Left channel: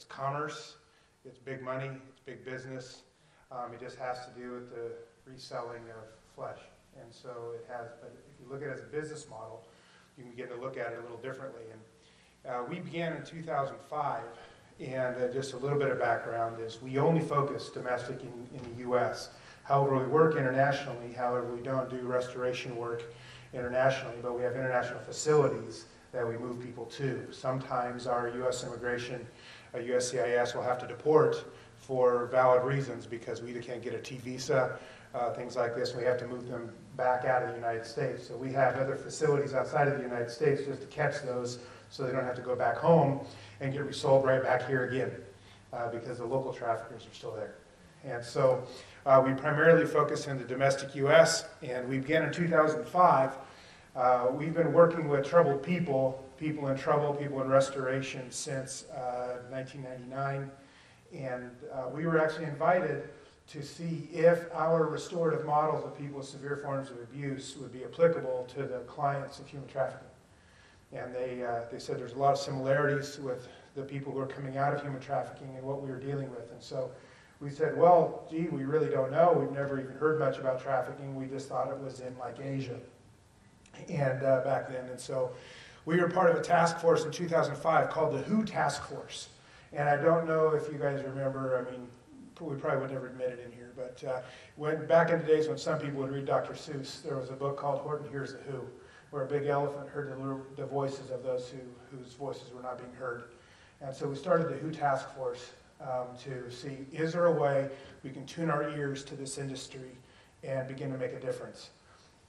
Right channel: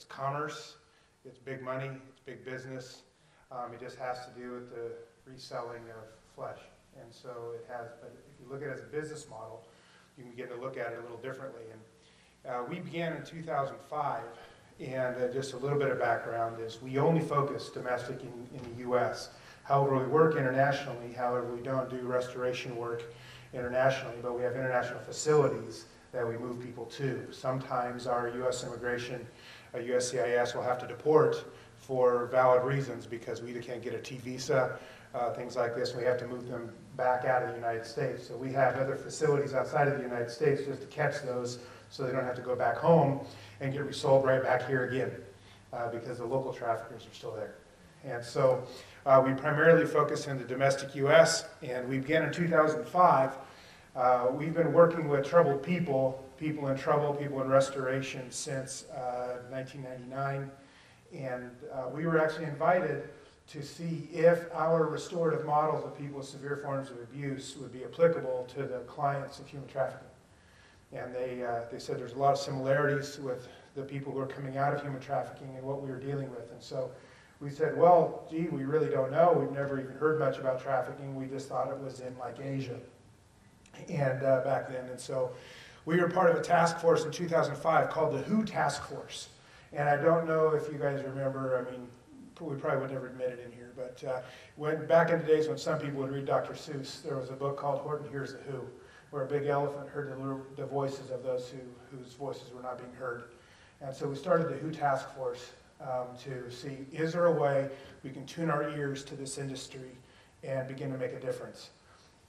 It's commerce, it's big money, it's big business. It just has to do with the reselling of flesh. And so it has, but if you look at it as a business model, you can begin to look at it a little differently. And we began in 2005, and just a little bit of background is we only focus domestic in the U.S. However, we work internationally. However, we don't do restoration work internationally, but we have international facilities that we move people to. Sometimes our U.S. immigration, USCIS will have to deport for valid reasons because we either can't get a T visa, things like this, and we have to move them back out of the United States. So we have other facilities outside of the United States just to catch those so they don't have to go back home and get resold right back here again because the local traffickers are still there. And so we primarily focus in the domestic U.S., and we began in 2005. We've been working with troubled people, people in trouble, people in restoration since 1999. And we were actually invited to see if our restorative models of people with severe forms of abuse would be applicable to the clients of human trafficking. And they said there's a lot of similarities with the people who are coming out of human trafficking and what we were dealing with. And so we said, well, gee, we really don't know. We've never even heard much about trafficking. We just thought it was in like Asia and back then. And so we were part of a task force in 2005 called the WHO Task Force. And I don't know if you guys remember, I mean, we probably would never admit it in here, but when back in the days when some people would read Dr. Seuss, there was a book called Horton Hears the Who, where a big elephant heard the voices of those whose voices were not being heard. And so we started the WHO Task Force to see, is there a way we can tune our ears to this industry and begin to make a difference?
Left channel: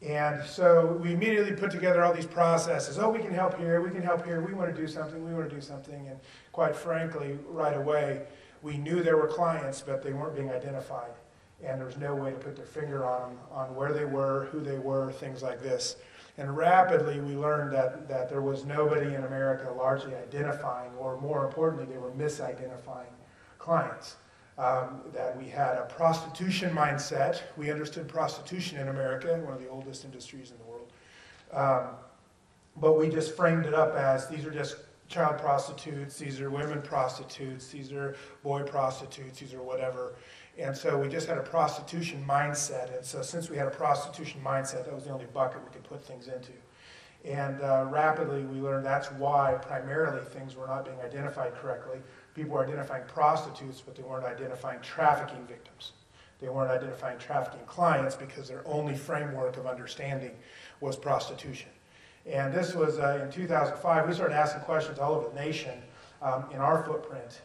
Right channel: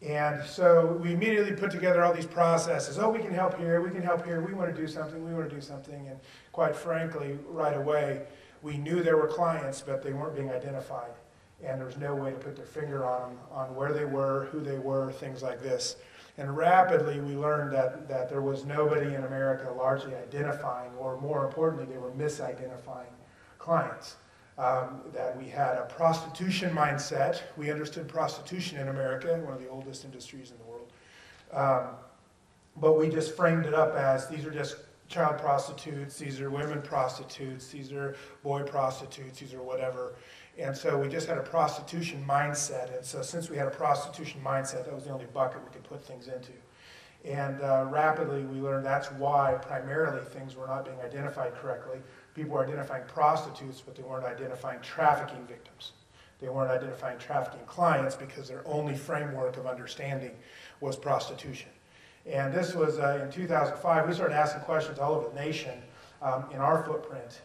And so we immediately put together all these processes. Oh, we can help here, we can help here, we want to do something, we want to do something. And quite frankly, right away, we knew there were clients, but they weren't being identified. And there was no way to put their finger on where they were, who they were, things like this. And rapidly, we learned that there was nobody in America largely identifying, or more importantly, they were misidentifying clients. That we had a prostitution mindset. We understood prostitution in America, one of the oldest industries in the world. But we just framed it up as these are just child prostitutes, these are women prostitutes, these are boy prostitutes, these are whatever. And so we just had a prostitution mindset. And so since we had a prostitution mindset, that was the only bucket we could put things into. And rapidly we learned that's why primarily things were not being identified correctly. People were identifying prostitutes, but they weren't identifying trafficking victims. They weren't identifying trafficking clients because their only framework of understanding was prostitution. And this was in 2005. We started asking questions all over the nation in our footprint.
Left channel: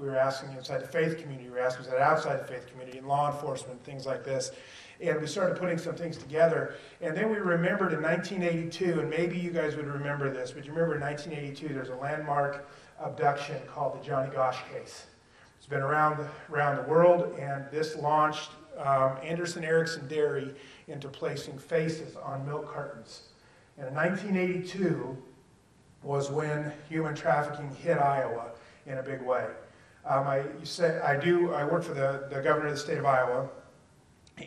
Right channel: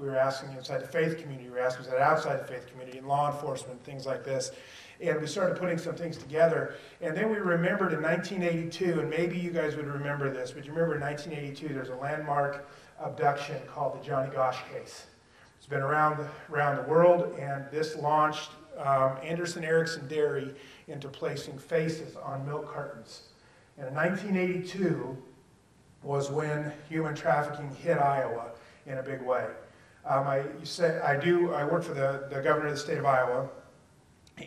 We were asking inside the faith community, we were asking outside the faith community, in law enforcement, things like this. And we started putting some things together. And then we remembered in 1982, and maybe you guys would remember this, but you remember in 1982 there's a landmark abduction called the Johnny Gosch case. It's been around the world, and this launched Anderson Erickson Dairy into placing faces on milk cartons. And in 1982 was when human trafficking hit Iowa in a big way. I work for the governor of the state of Iowa,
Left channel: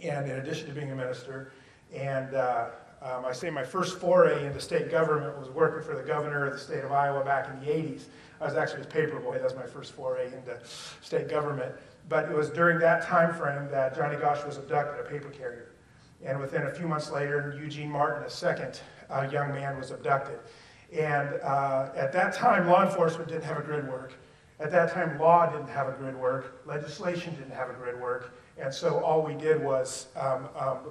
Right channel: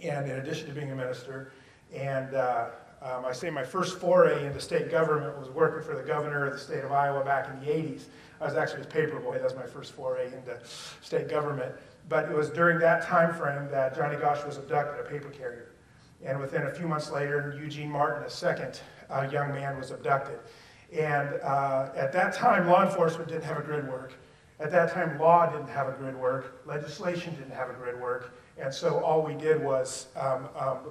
and in addition to being a minister, and I say my first foray into state government was working for the governor of the state of Iowa back in the 80s. I was actually his paper boy. That was my first foray into state government. But it was during that time frame that Johnny Gosch was abducted, a paper carrier. And within a few months later, Eugene Martin, a second young man, was abducted. And at that time, law enforcement didn't have a grid work. At that time, law didn't have a grid work. Legislation didn't have a grid work. And so all we did was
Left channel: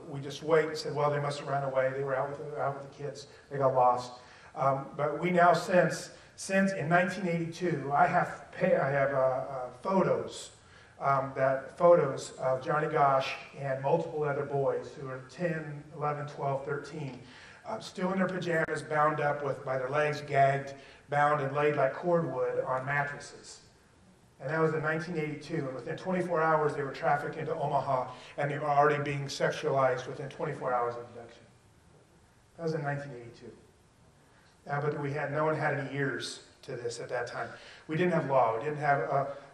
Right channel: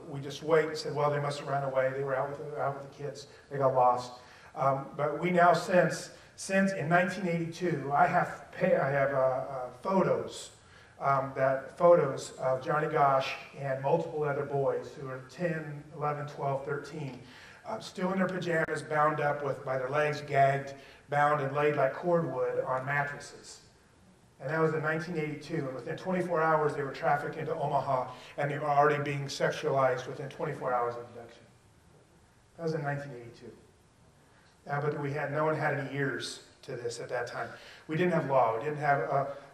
we just wait and said, well, they must have run away. They were out with the kids. They got lost. But we now, since in 1982, I have photos, photos of Johnny Gosch and multiple other boys who are 10, 11, 12, 13, still in their pajamas, bound up by their legs gagged, bound and laid like cordwood on mattresses. And that was in 1982, and within 24 hours they were trafficked into Omaha, and they were already being sexualized within 24 hours of abduction. That was in 1982. but no one had any ears to this at that time. We didn't have law. We didn't have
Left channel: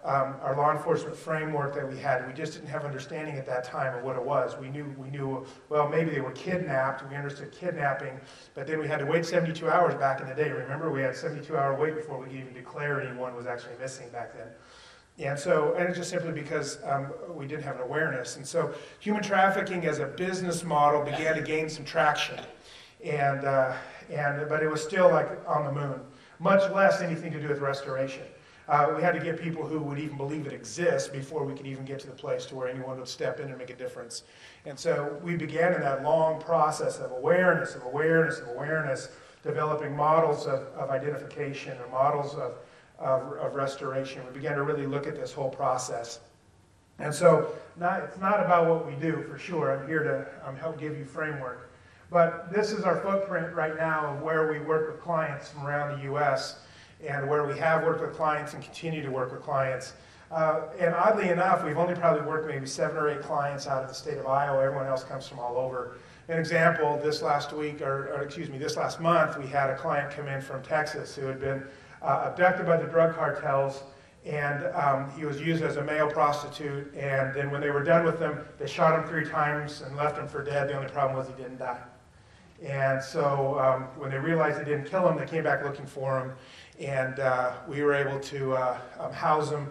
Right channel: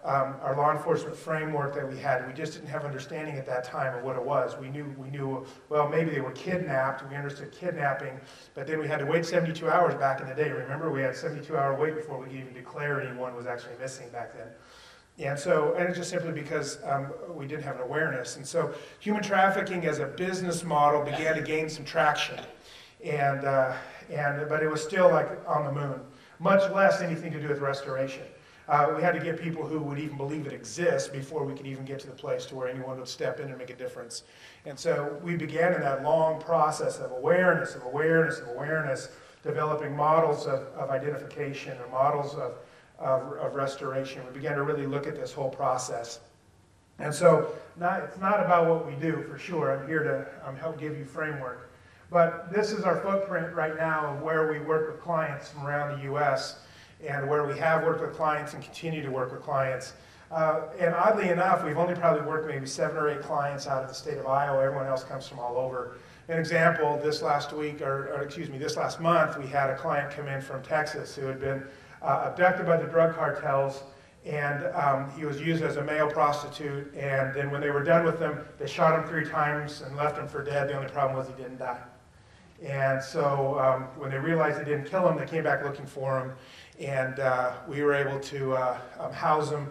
our law enforcement framework that we had. We just didn't have understanding at that time of what it was. We knew, well, maybe they were kidnapped. We understood kidnapping, but then we had to wait 72 hours back in the day. Remember, we had a 72-hour wait before we could even declare anyone was actually missing back then. And it's just simply because we didn't have an awareness. And so human trafficking as a business model began to gain some traction. But it was still like on the moon, much less anything to do with restoration. We had to get people who would even believe it exists before we could even get to the place to where anyone would step in and make a difference. And so we began in that long process of awareness, developing models of identification or models of restoration. We began to really look at this whole process. And so it's not about what we do, for sure. I'm here to help give you framework. But this is our footprint right now of where we work with clients from around the U.S. and where we have worked with clients and continue to work with clients. And oddly enough, we've only probably worked maybe 7 or 8 clients out of the state of Iowa. Everyone else comes from all over. An example, this last month, we had a client come in from Texas who had been abducted by the drug cartels, and he was used as a male prostitute, and then when they were done with him, they shot him 3 times and left him for dead. The only problem was he didn't die. And so when they realized they didn't kill him, they came back looking for him, and we were able to house him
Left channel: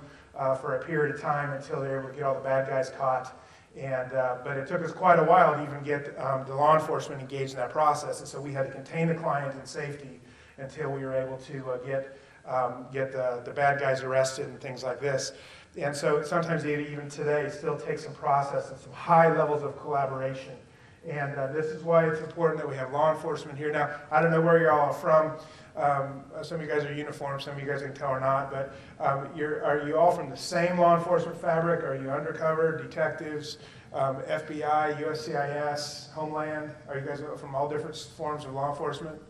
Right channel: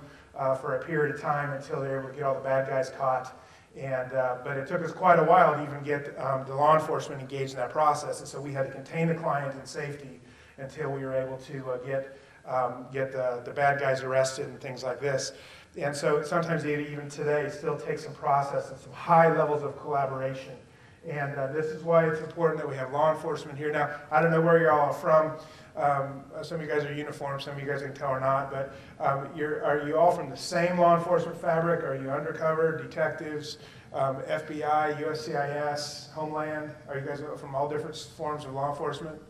for a period of time until they were able to get all the bad guys caught. But it took us quite a while to even get the law enforcement engaged in that process, and so we had to contain the client in safety until we were able to get the bad guys arrested and things like this. And so sometimes even today still takes some process and some high levels of collaboration. And this is why it's important that we have law enforcement here. Now, I don't know where you're all from. Some of you guys are uniformed, some of you guys can tell or not, but are you all from the same law enforcement fabric? Are you undercover, detectives, FBI, USCIS, Homeland? Are you guys from all different forms of law enforcement?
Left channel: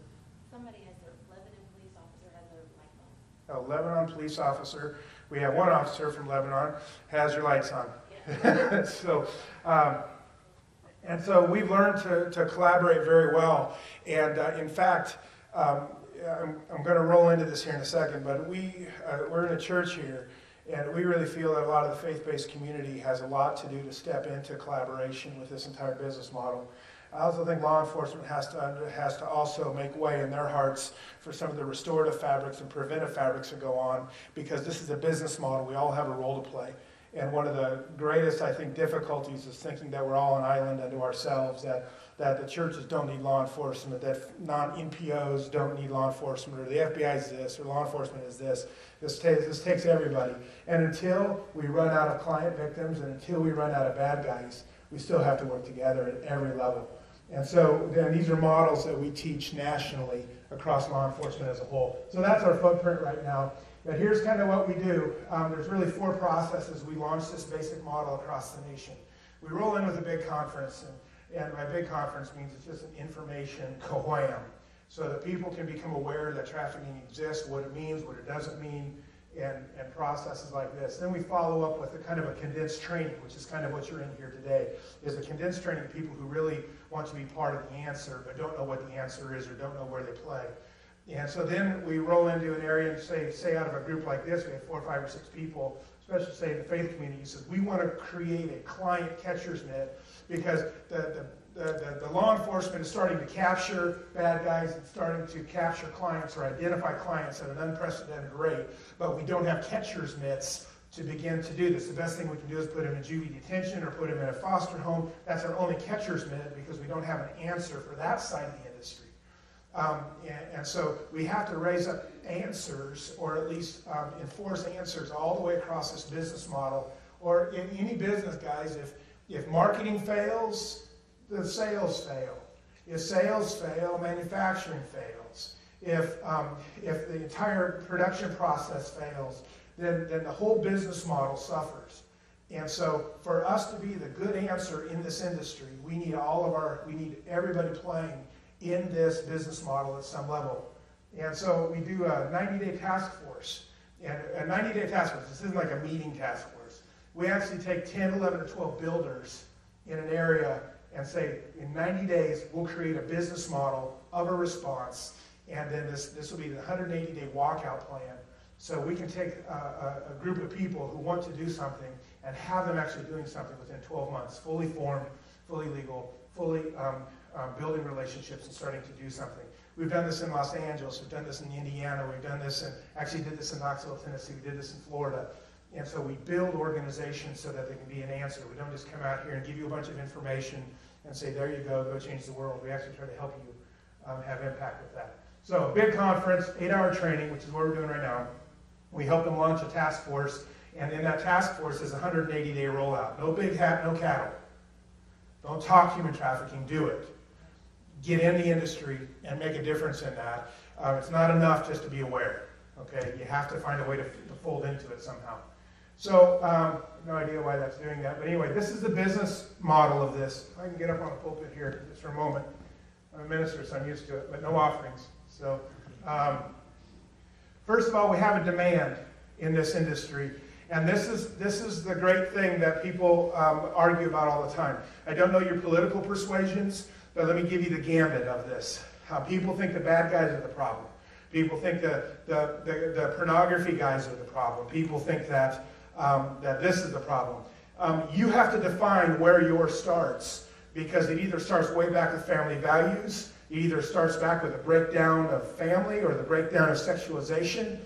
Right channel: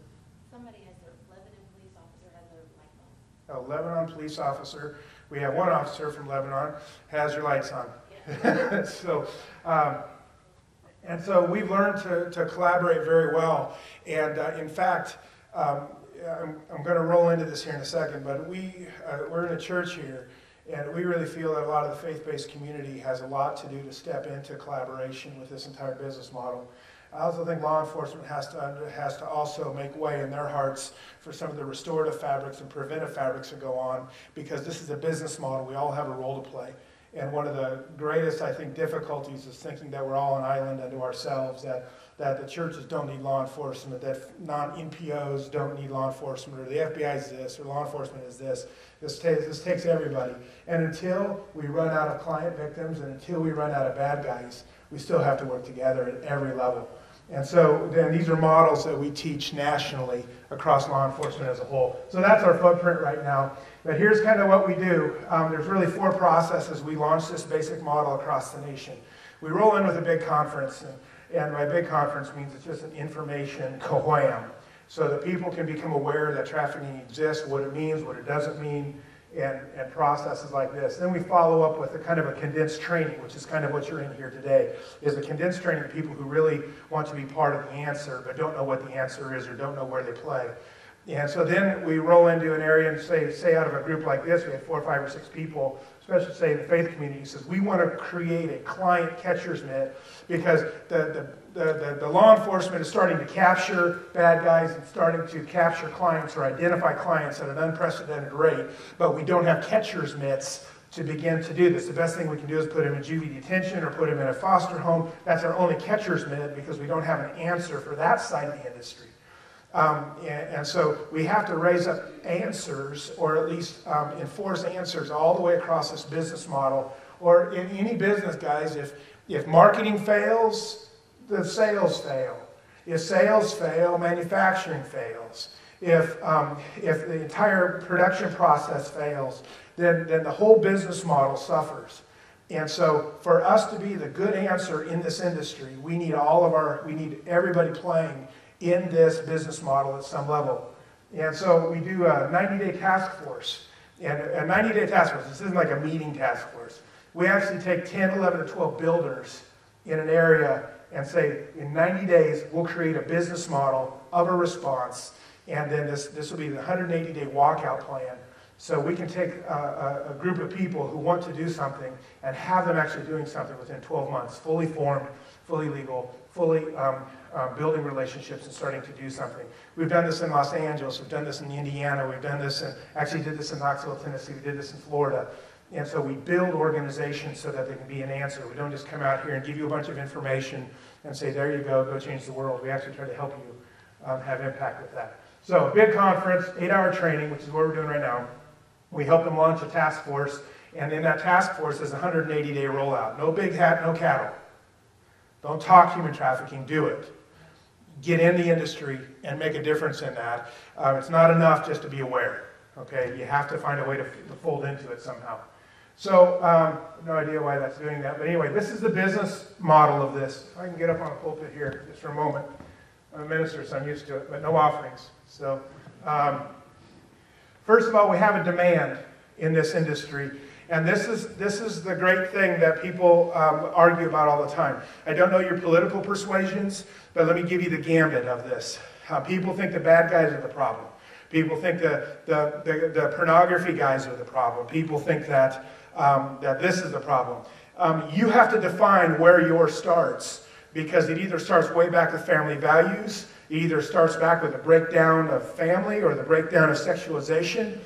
Somebody has their Lebanon police officer has their lights on. A Lebanon police officer. We have one officer from Lebanon, has your lights on. Yeah. So we've learned to collaborate very well. And in fact, I'm going to roll into this here in a second, but we're in a church here, and we really feel that a lot of the faith-based community has a lot to do to step into collaboration with this entire business model. I also think law enforcement has to also make way in their hearts for some of the restorative fabrics and preventive fabrics that go on, because this is a business model. We all have a role to play. And one of the greatest, I think, difficulties is thinking that we're all an island unto ourselves, that the churches don't need law enforcement, that non-NPOs don't need law enforcement, or the FBI is this, or law enforcement is this. This takes everybody. And until we run out of client victims and until we run out of bad guys, we still have to work together at every level. And so then these are models that we teach nationally across law enforcement as a whole. So that's our footprint right now. But here's kind of what we do. There's really 4 processes. We launch this basic model across the nation. We roll in with a big conference, and by big conference means it's just an information wham, so that people can become aware that trafficking exists, what it means, what it doesn't mean, and processes like this. Then we follow up with a kind of a condensed training, which is kind of what you're in here today, is a condensed training of people who really want to be part of the answer, but don't know what the answer is or don't know where they play. And so then we roll into an area and say out of a group like this, we have 4, 5, or 6 people, especially say in the faith community, who says we want to create a client catcher's mitt, because the law enforcement is starting to capture bad guys and starting to capture clients or identify clients at an unprecedented rate, but we don't have catcher's mitts to begin to do this. The best thing we can do is put them in juvie detention or put them in a foster home. That's our only catcher's mitt, because we don't have an answer for that side of the industry. And so we have to raise up answers, or at least enforce answers all the way across this business model. Or in any business, guys, if marketing fails, the sales fail. If sales fail, manufacturing fails. If the entire production process fails, then the whole business model suffers. And so for us to be the good answer in this industry, we need everybody playing in this business model at some level. And so we do a 90-day task force. And a 90-day task force, this isn't like a meeting task force. We actually take 10, 11, or 12 builders in an area and say, in 90 days, we'll create a business model of a response And then this will be the 180-day walkout plan. So we can take a group of people who want to do something and have them actually doing something within 12 months, fully formed, fully legal, fully building relationships and starting to do something. We've done this in Los Angeles, we've done this in Indiana, we've done this actually did this in Knoxville, Tennessee, we did this in Florida. And so we build organizations so that they can be an answer. We don't just come out here and give you a bunch of information and say, there you go change the world. We actually try to help you have impact with that. So big conference, 8-hour training, which is what we're doing right now. We help them launch a task force, and in that task force is a 180-day rollout. No big hat, no cattle. Don't talk human trafficking, do it. Get in the industry and make a difference in that. It's not enough just to be aware, okay? You have to find a way to fold into it somehow. So, no idea why that's doing that, but anyway, this is the business model of this. I can get up on a pulpit here just for a moment. I'm a minister, so I'm used to it, but no offerings. So, first of all, we have a demand in this industry, and this is the great thing that people argue about all the time. I don't know your political persuasions, but let me give you the gambit of this. People think the bad guys are the problem. People think the pornography guys are the problem. People think that this is the problem. You have to define where yours starts, because it either starts way back with family values, it either starts back with a breakdown of family or the breakdown of sexualization.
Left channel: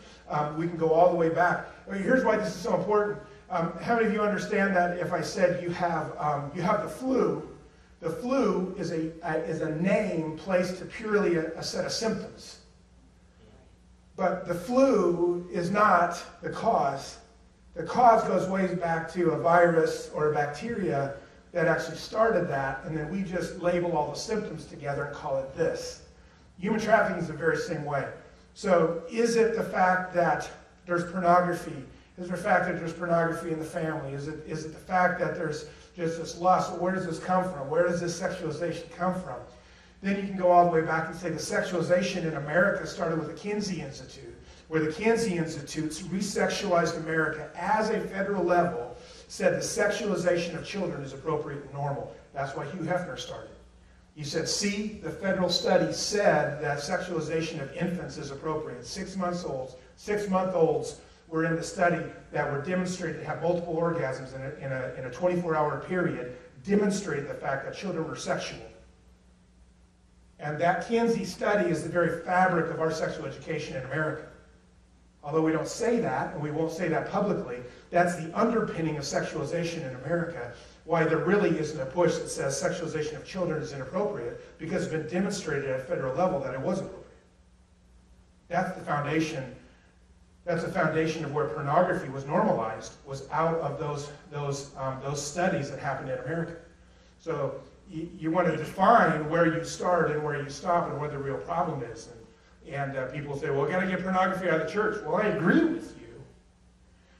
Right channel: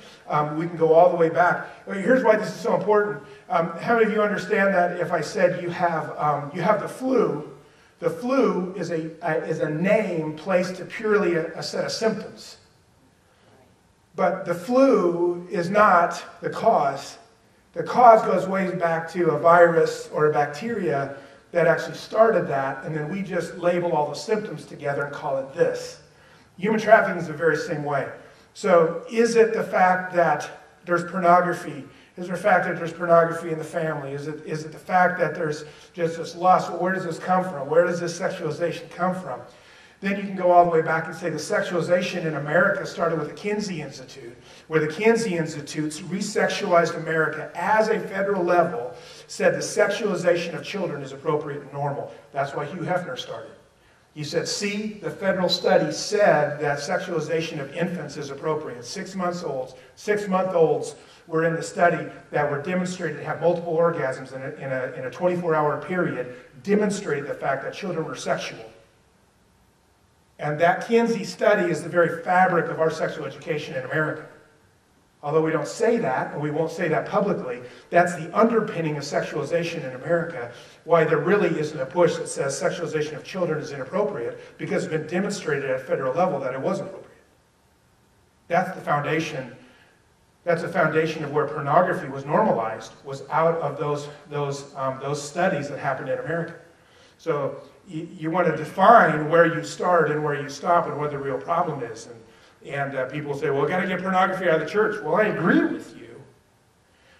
We can go all the way back. Here's why this is so important. How many of you understand that if I said you have the flu is a name placed to purely a set of symptoms. But the flu is not the cause. The cause goes way back to a virus or a bacteria that actually started that, and then we just label all the symptoms together and call it this. Human trafficking is the very same way. So is it the fact that there's pornography? Is there the fact that there's pornography in the family? Is it the fact that there's just this lust? Well, where does this come from? Where does this sexualization come from? Then you can go all the way back and say the sexualization in America started with the Kinsey Institute, where the Kinsey Institutes resexualized America as a federal level, said the sexualization of children is appropriate and normal. That's why Hugh Hefner started. He said, see, the federal study said that sexualization of infants is appropriate. 6-month-olds were in the study that were demonstrated to have multiple orgasms in a 24-hour period, demonstrated the fact that children were sexual. And that Kinsey study is the very fabric of our sexual education in America. Although we don't say that, and we won't say that publicly, that's the underpinning of sexualization in America, why there really isn't a push that says sexualization of children is inappropriate, because it's been demonstrated at a federal level that it wasn't appropriate. That's the foundation. That's the foundation of where pornography was normalized, was out of those studies that happened in America. So you want to define where you start and where you stop and what the real problem is. And people say, well, got to get pornography out of the church. Well, I agree with you.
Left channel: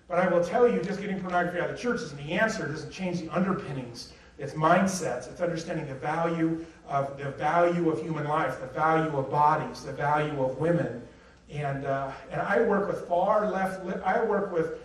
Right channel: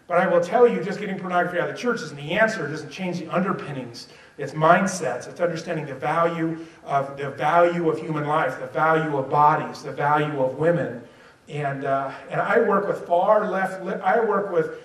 But I will tell you, just getting pornography out of the church isn't the answer. It doesn't change the underpinnings. It's mindsets. It's understanding the value of human life, the value of bodies, the value of women. And I work with far left. I work with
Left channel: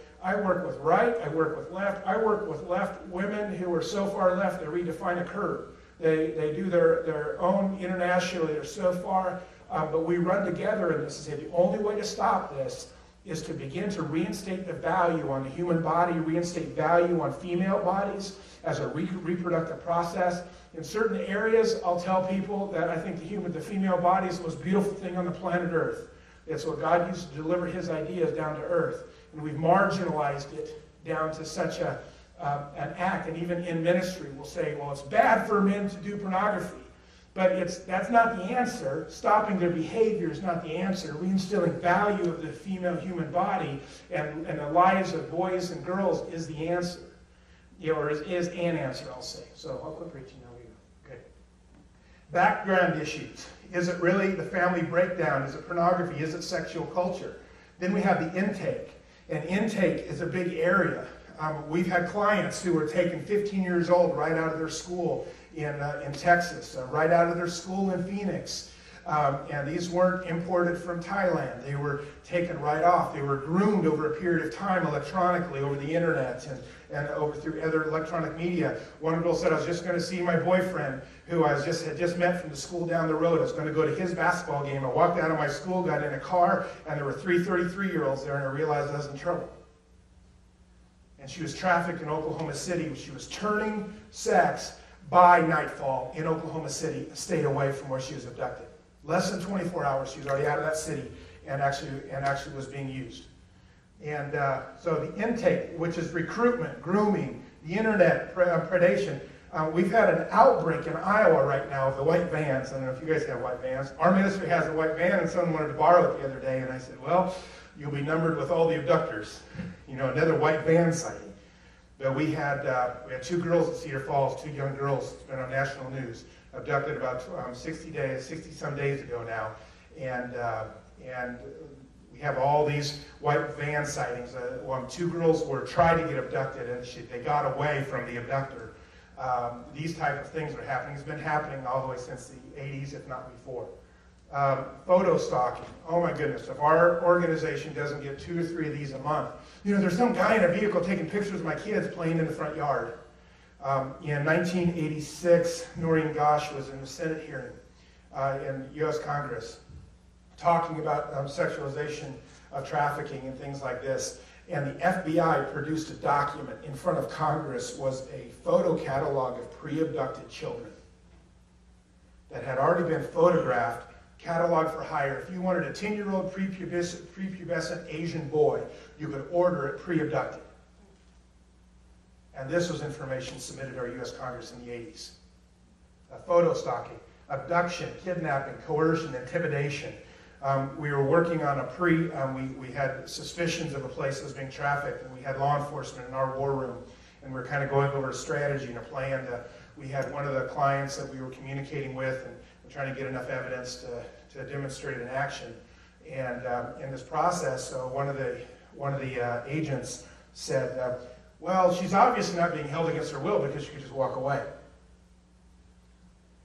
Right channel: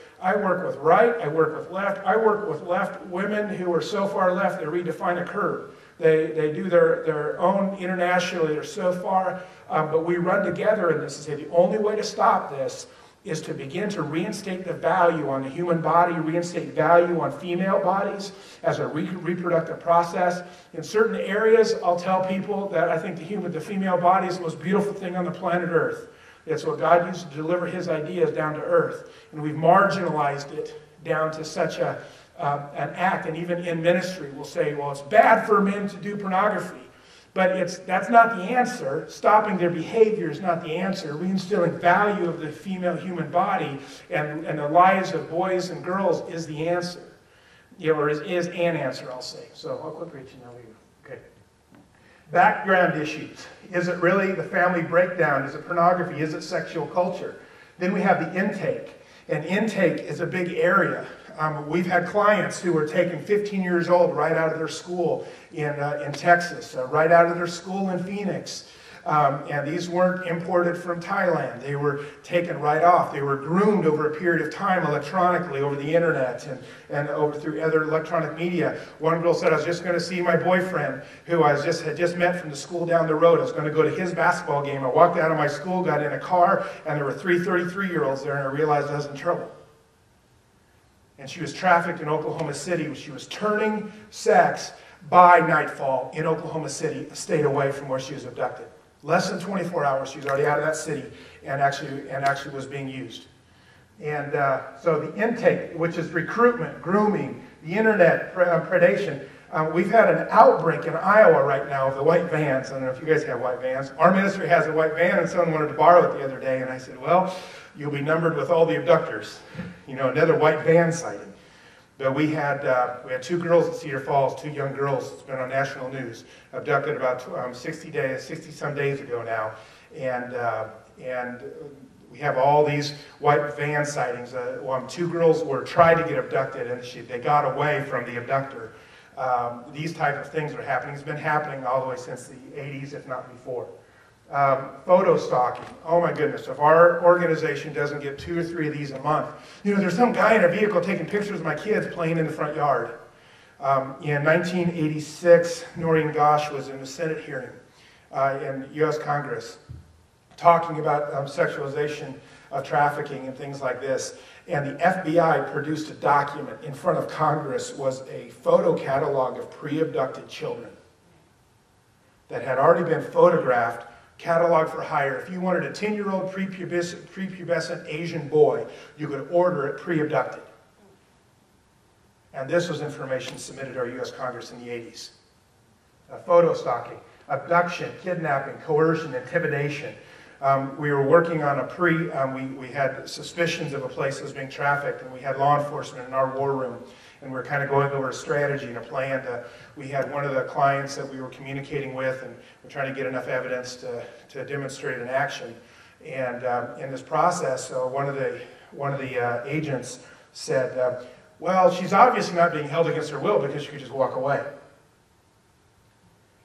right. I work with left. I work with left women who are so far left they redefine a curve. They do their own internationally. They're so far, but we run together in this and say the only way to stop this is to begin to reinstate the value on the human body, reinstate value on female bodies as a reproductive process. In certain areas, I'll tell people that I think the female body is the most beautiful thing on the planet Earth. It's what God used to deliver his ideas down to earth. And we've marginalized it down to such an act. And even in ministry, we'll say, well, it's bad for men to do pornography. But that's not the answer. Stopping their behavior is not the answer. Reinstilling value of the female human body and the lives of boys and girls is the answer. Or is an answer, I'll say. So I'll quickly let you know. Okay. Background issues. Is it really the family breakdown? Is it pornography? Is it sexual culture? Then we have the intake. And intake is a big area. We've had clients who were taken 15 years old right out of their school in Texas, right out of their school in Phoenix. And these weren't imported from Thailand. They were taken right off. They were groomed over a period of time electronically over the internet and over through other electronic media. One girl said, I was just going to see my boyfriend, who I had just met from the school down the road. I was going to go to his basketball game. I walked out of my school, got in a car, and there were 3 33-year-olds there, and I realized I was in trouble. And she was trafficked in Oklahoma City. She was turning sex by nightfall in Oklahoma City, a state away from where she was abducted. Less than 24 hours, she was already out of that city and actually was being used. And so the intake, which is recruitment, grooming, the internet, predation. We've had an outbreak in Iowa right now of the white vans. I don't know if you guys have white vans. Our ministry has a white van, and someone wanted to borrow it the other day. And I said, well, you'll be numbered with all the abductors. You know, another white van sighting. But we had 2 girls at Cedar Falls, 2 young girls, it's been on national news, abducted about 60-some days ago now. And we have all these white van sightings. 2 girls were tried to get abducted, and they got away from the abductor. These type of things are happening. It's been happening all the way since the 80s, if not before. Photo stalking. Oh my goodness, if our organization doesn't get 2 or 3 of these a month. You know, there's some guy in a vehicle taking pictures of my kids playing in the front yard. In 1986, Noreen Gosh was in the Senate hearing in U.S. Congress talking about sexualization of trafficking and things like this. And the FBI produced a document in front of Congress, was a photo catalog of pre-abducted children that had already been photographed, cataloged for hire. If you wanted a 10-year-old prepubescent Asian boy, you could order it pre-abducted. And this was information submitted to our U.S. Congress in the 80s. Photo stalking, abduction, kidnapping, coercion, intimidation. We were working on we had suspicions of a place that was being trafficked, and we had law enforcement in our war room, and we were kind of going over a strategy and a plan. We had one of the clients that we were communicating with, and we're trying to get enough evidence to demonstrate an action. And in this process, one of the agents said, well, she's obviously not being held against her will because she could just walk away.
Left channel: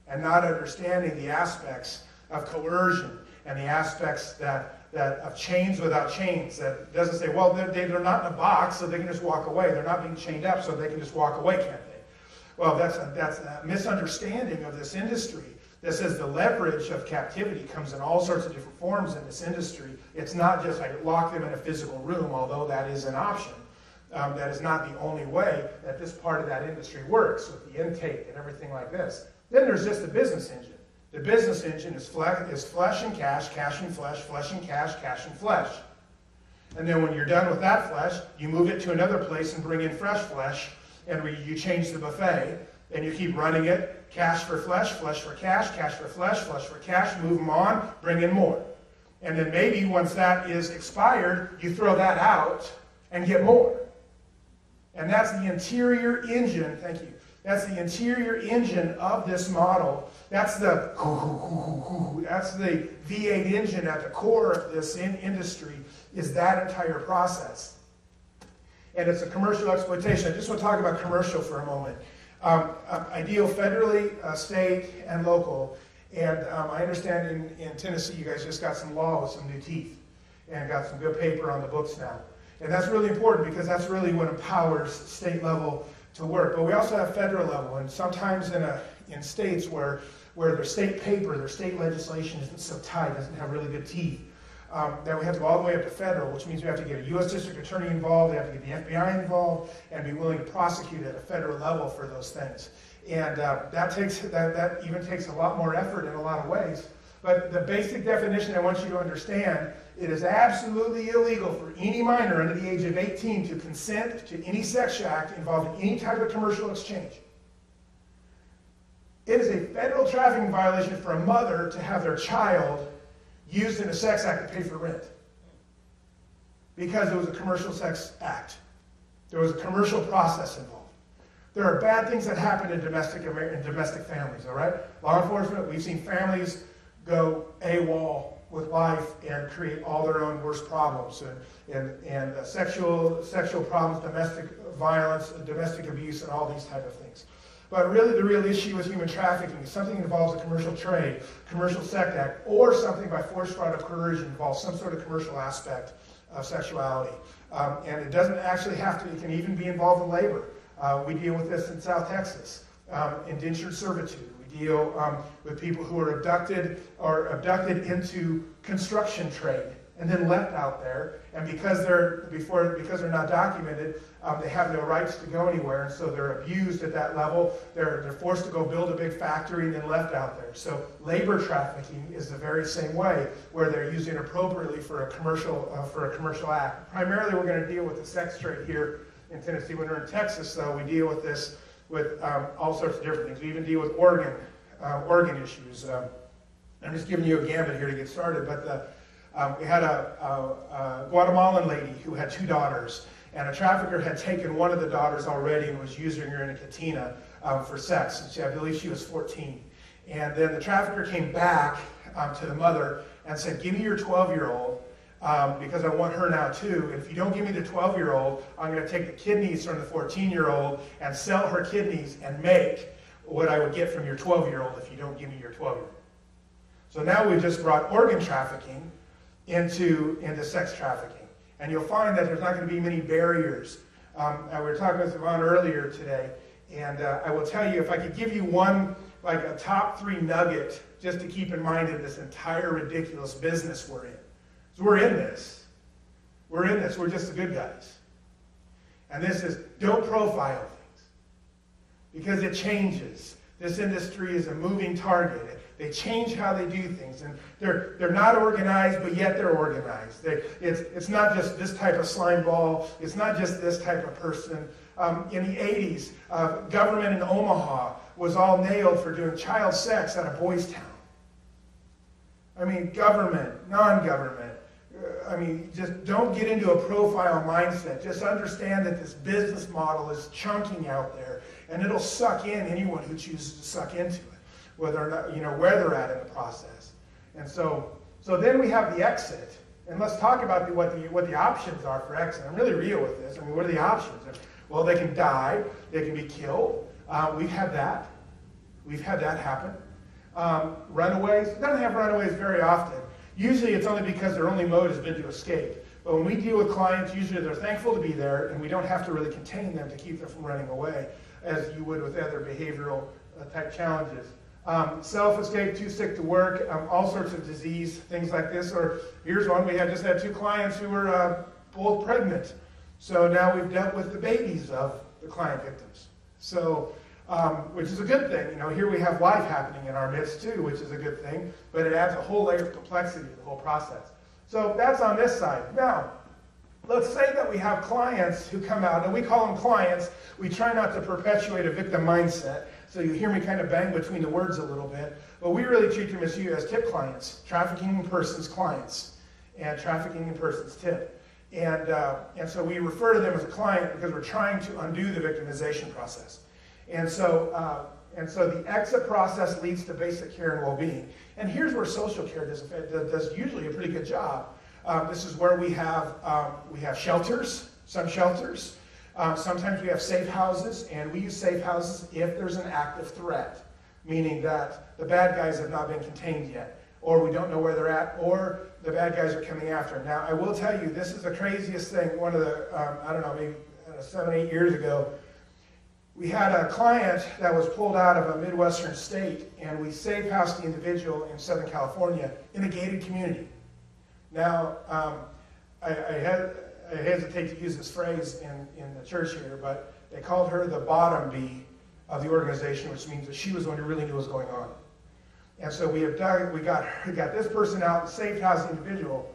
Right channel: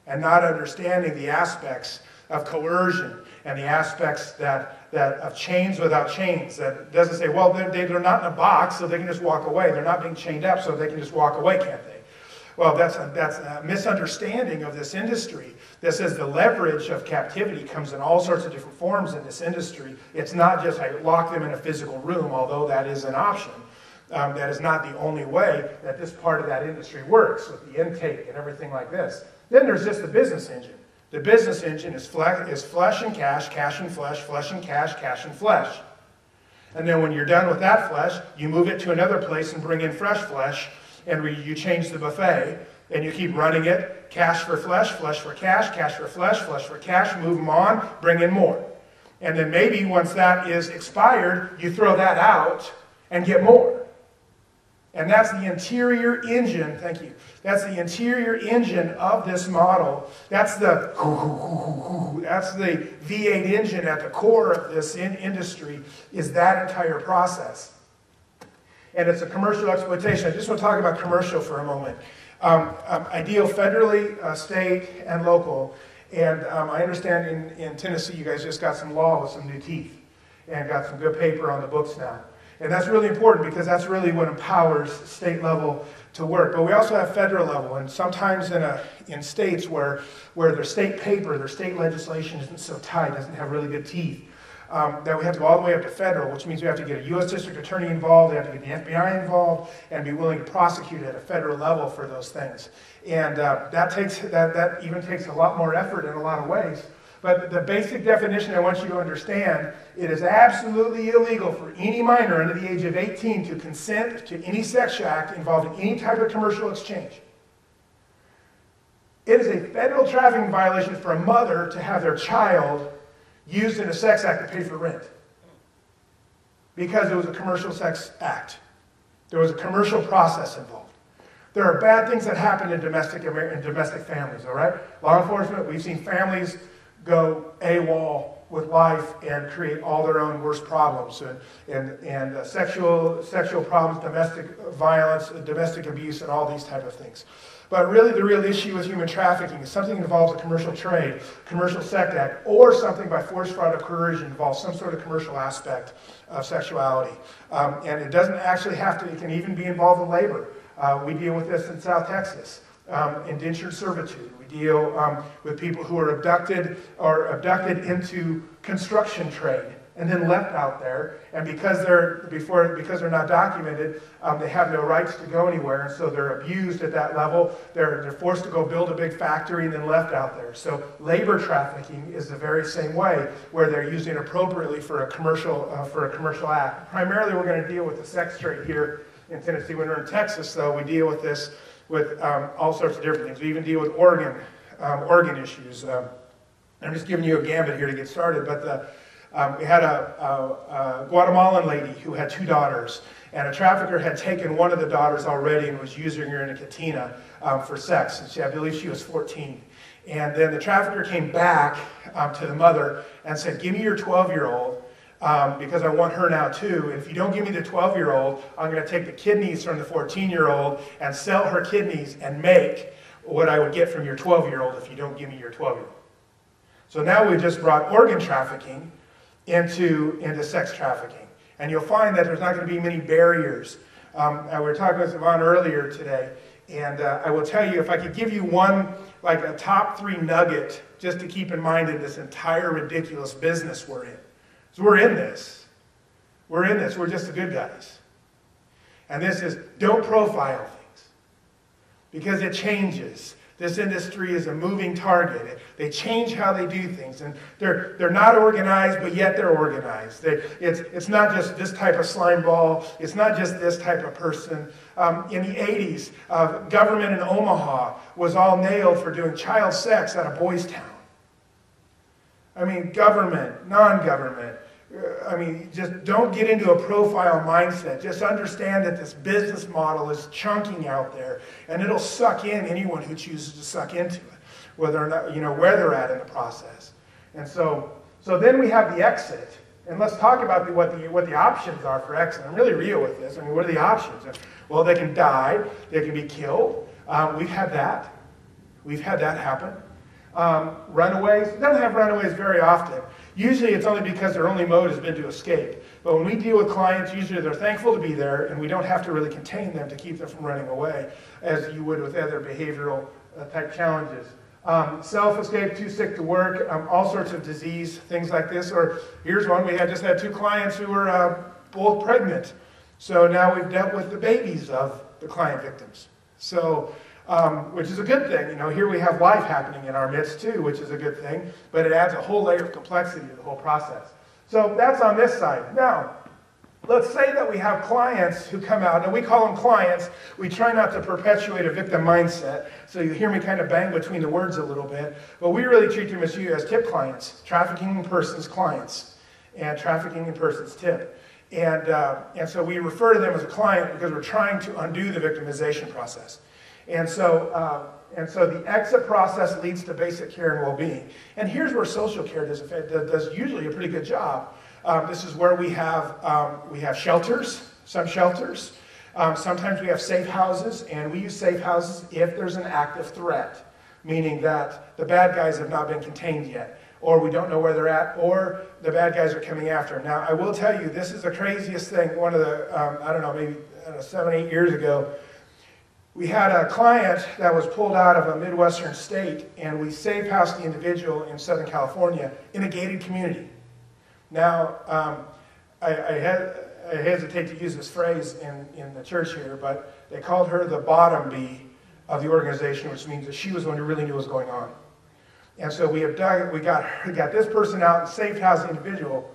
And not understanding the aspects of coercion and the aspects that of chains without chains. That doesn't say, well, they're not in a box, so they can just walk away. They're not being chained up, so they can just walk away, can't they? Well, that's a misunderstanding of this industry that says the leverage of captivity comes in all sorts of different forms in this industry. It's not just I lock them in a physical room, although that is an option. That is not the only way that this part of that industry works with the intake and everything like this. Then there's just the business engine. The business engine is flesh and cash and flesh and cash and flesh. And then when you're done with that flesh, you move it to another place and bring in fresh flesh, and you change the buffet, and you keep running it, cash for flesh for cash for flesh for cash, move them on, bring in more. And then maybe once that is expired, you throw that out and get more. And that's the interior engine, thank you. That's the interior engine of this model. That's the V8 engine at the core of this industry, is that entire process. And it's a commercial exploitation. I just want to talk about commercial for a moment. I deal federally, state, and local. And I understand in Tennessee you guys just got some law with some new teeth and got some good paper on the books now. And that's really important because that's really what empowers state level to work. But we also have federal level, and sometimes in states where their state paper, their state legislation isn't so tight, doesn't have really good teeth, that we have to go all the way up to federal, which means we have to get a U.S. District Attorney involved, we have to get the FBI involved, and be willing to prosecute at a federal level for those things. And that even takes a lot more effort in a lot of ways. But the basic definition I want you to understand, it is absolutely illegal for any minor under the age of 18 to consent to any sex act involving any type of commercial exchange. It is a federal trafficking violation for a mother to have their child used in a sex act to pay for rent. Because it was a commercial sex act. There was a commercial process involved. There are bad things that happen in domestic families, all right? Law enforcement, we've seen families go AWOL with life and create all their own worst problems and sexual problems, domestic violence, domestic abuse, and all these type of things. But really the real issue with human trafficking is something that involves a commercial trade, commercial sex act, or something by force, fraud, or coercion involves some sort of commercial aspect of sexuality. And it doesn't actually have to, it can even be involved in labor. We deal with this in South Texas, indentured servitude. We deal with people who are abducted into construction trade and then left out there, and because they're not documented, they have no rights to go anywhere, and so they're abused at that level. They're forced to go build a big factory and then left out there. So labor trafficking is the very same way, where they're used inappropriately for a commercial act. Primarily, we're going to deal with the sex trade here in Tennessee. When we're in Texas, though, we deal with this with all sorts of different things. We even deal with organ issues. I'm just giving you a gambit here to get started, but we had a Guatemalan lady who had 2 daughters, and a trafficker had taken one of the daughters already and was using her in a cantina for sex. And I believe she was 14. And then the trafficker came back to the mother and said, "Give me your 12-year-old because I want her now too. And if you don't give me the 12-year-old, I'm going to take the kidneys from the 14-year-old and sell her kidneys and make what I would get from your 12-year-old if you don't give me your 12-year-old." So now we've just brought organ trafficking into sex trafficking. And you'll find that there's not going to be many barriers. We were talking with Yvonne earlier today, and I will tell you, if I could give you one, like a top 3 nugget, just to keep in mind in this entire ridiculous business we're in. So we're in this. We're in this. We're just the good guys. And this is, don't profile things. Because it changes. This industry is a moving target. They change how they do things, and they're not organized, but yet they're organized. It's not just this type of slime ball. It's not just this type of person. In the 80s, government in Omaha was all nailed for doing child sex at a boys' town. I mean, government, non-government. I mean, just don't get into a profile mindset. Just understand that this business model is chunking out there, and it'll suck in anyone who chooses to suck into it, whether or not, where they're at in the process. And so then we have the exit, and let's talk about what the options are for exit. I'm really real with this. I mean, what are the options? Well, they can die, they can be killed. We've had that. We've had that happen. Runaways. We don't have runaways very often. Usually it's only because their only mode has been to escape. But when we deal with clients, usually they're thankful to be there, and we don't have to really contain them to keep them from running away, as you would with other behavioral type challenges. Self-escape, too sick to work, all sorts of disease, things like this. Or here's one, we just had 2 clients who were both pregnant. So now we've dealt with the babies of the client victims. So, which is a good thing. Here we have life happening in our midst too, which is a good thing, but it adds a whole layer of complexity to the whole process. So that's on this side. Now, let's say that we have clients who come out, and we call them clients. We try not to perpetuate a victim mindset, so you hear me kind of bang between the words a little bit, but we really treat them as tip clients, trafficking in persons clients, and trafficking in persons tip. And so we refer to them as a client because we're trying to undo the victimization process. And so the exit process leads to basic care and well-being. And here's where social care does usually a pretty good job. This is where we have shelters, some shelters. Sometimes we have safe houses, and we use safe houses if there's an active threat, meaning that the bad guys have not been contained yet, or we don't know where they're at, or the bad guys are coming after. Now, I will tell you, this is the craziest thing. One of the, maybe 7, 8 years ago, we had a client that was pulled out of a Midwestern state, and we safe housed the individual in Southern California in a gated community. Now, I hesitate to use this phrase in the church here, but they called her the bottom bee of the organization, which means that she was the one who really knew what was going on. And so we got this person out and safe housed the individual.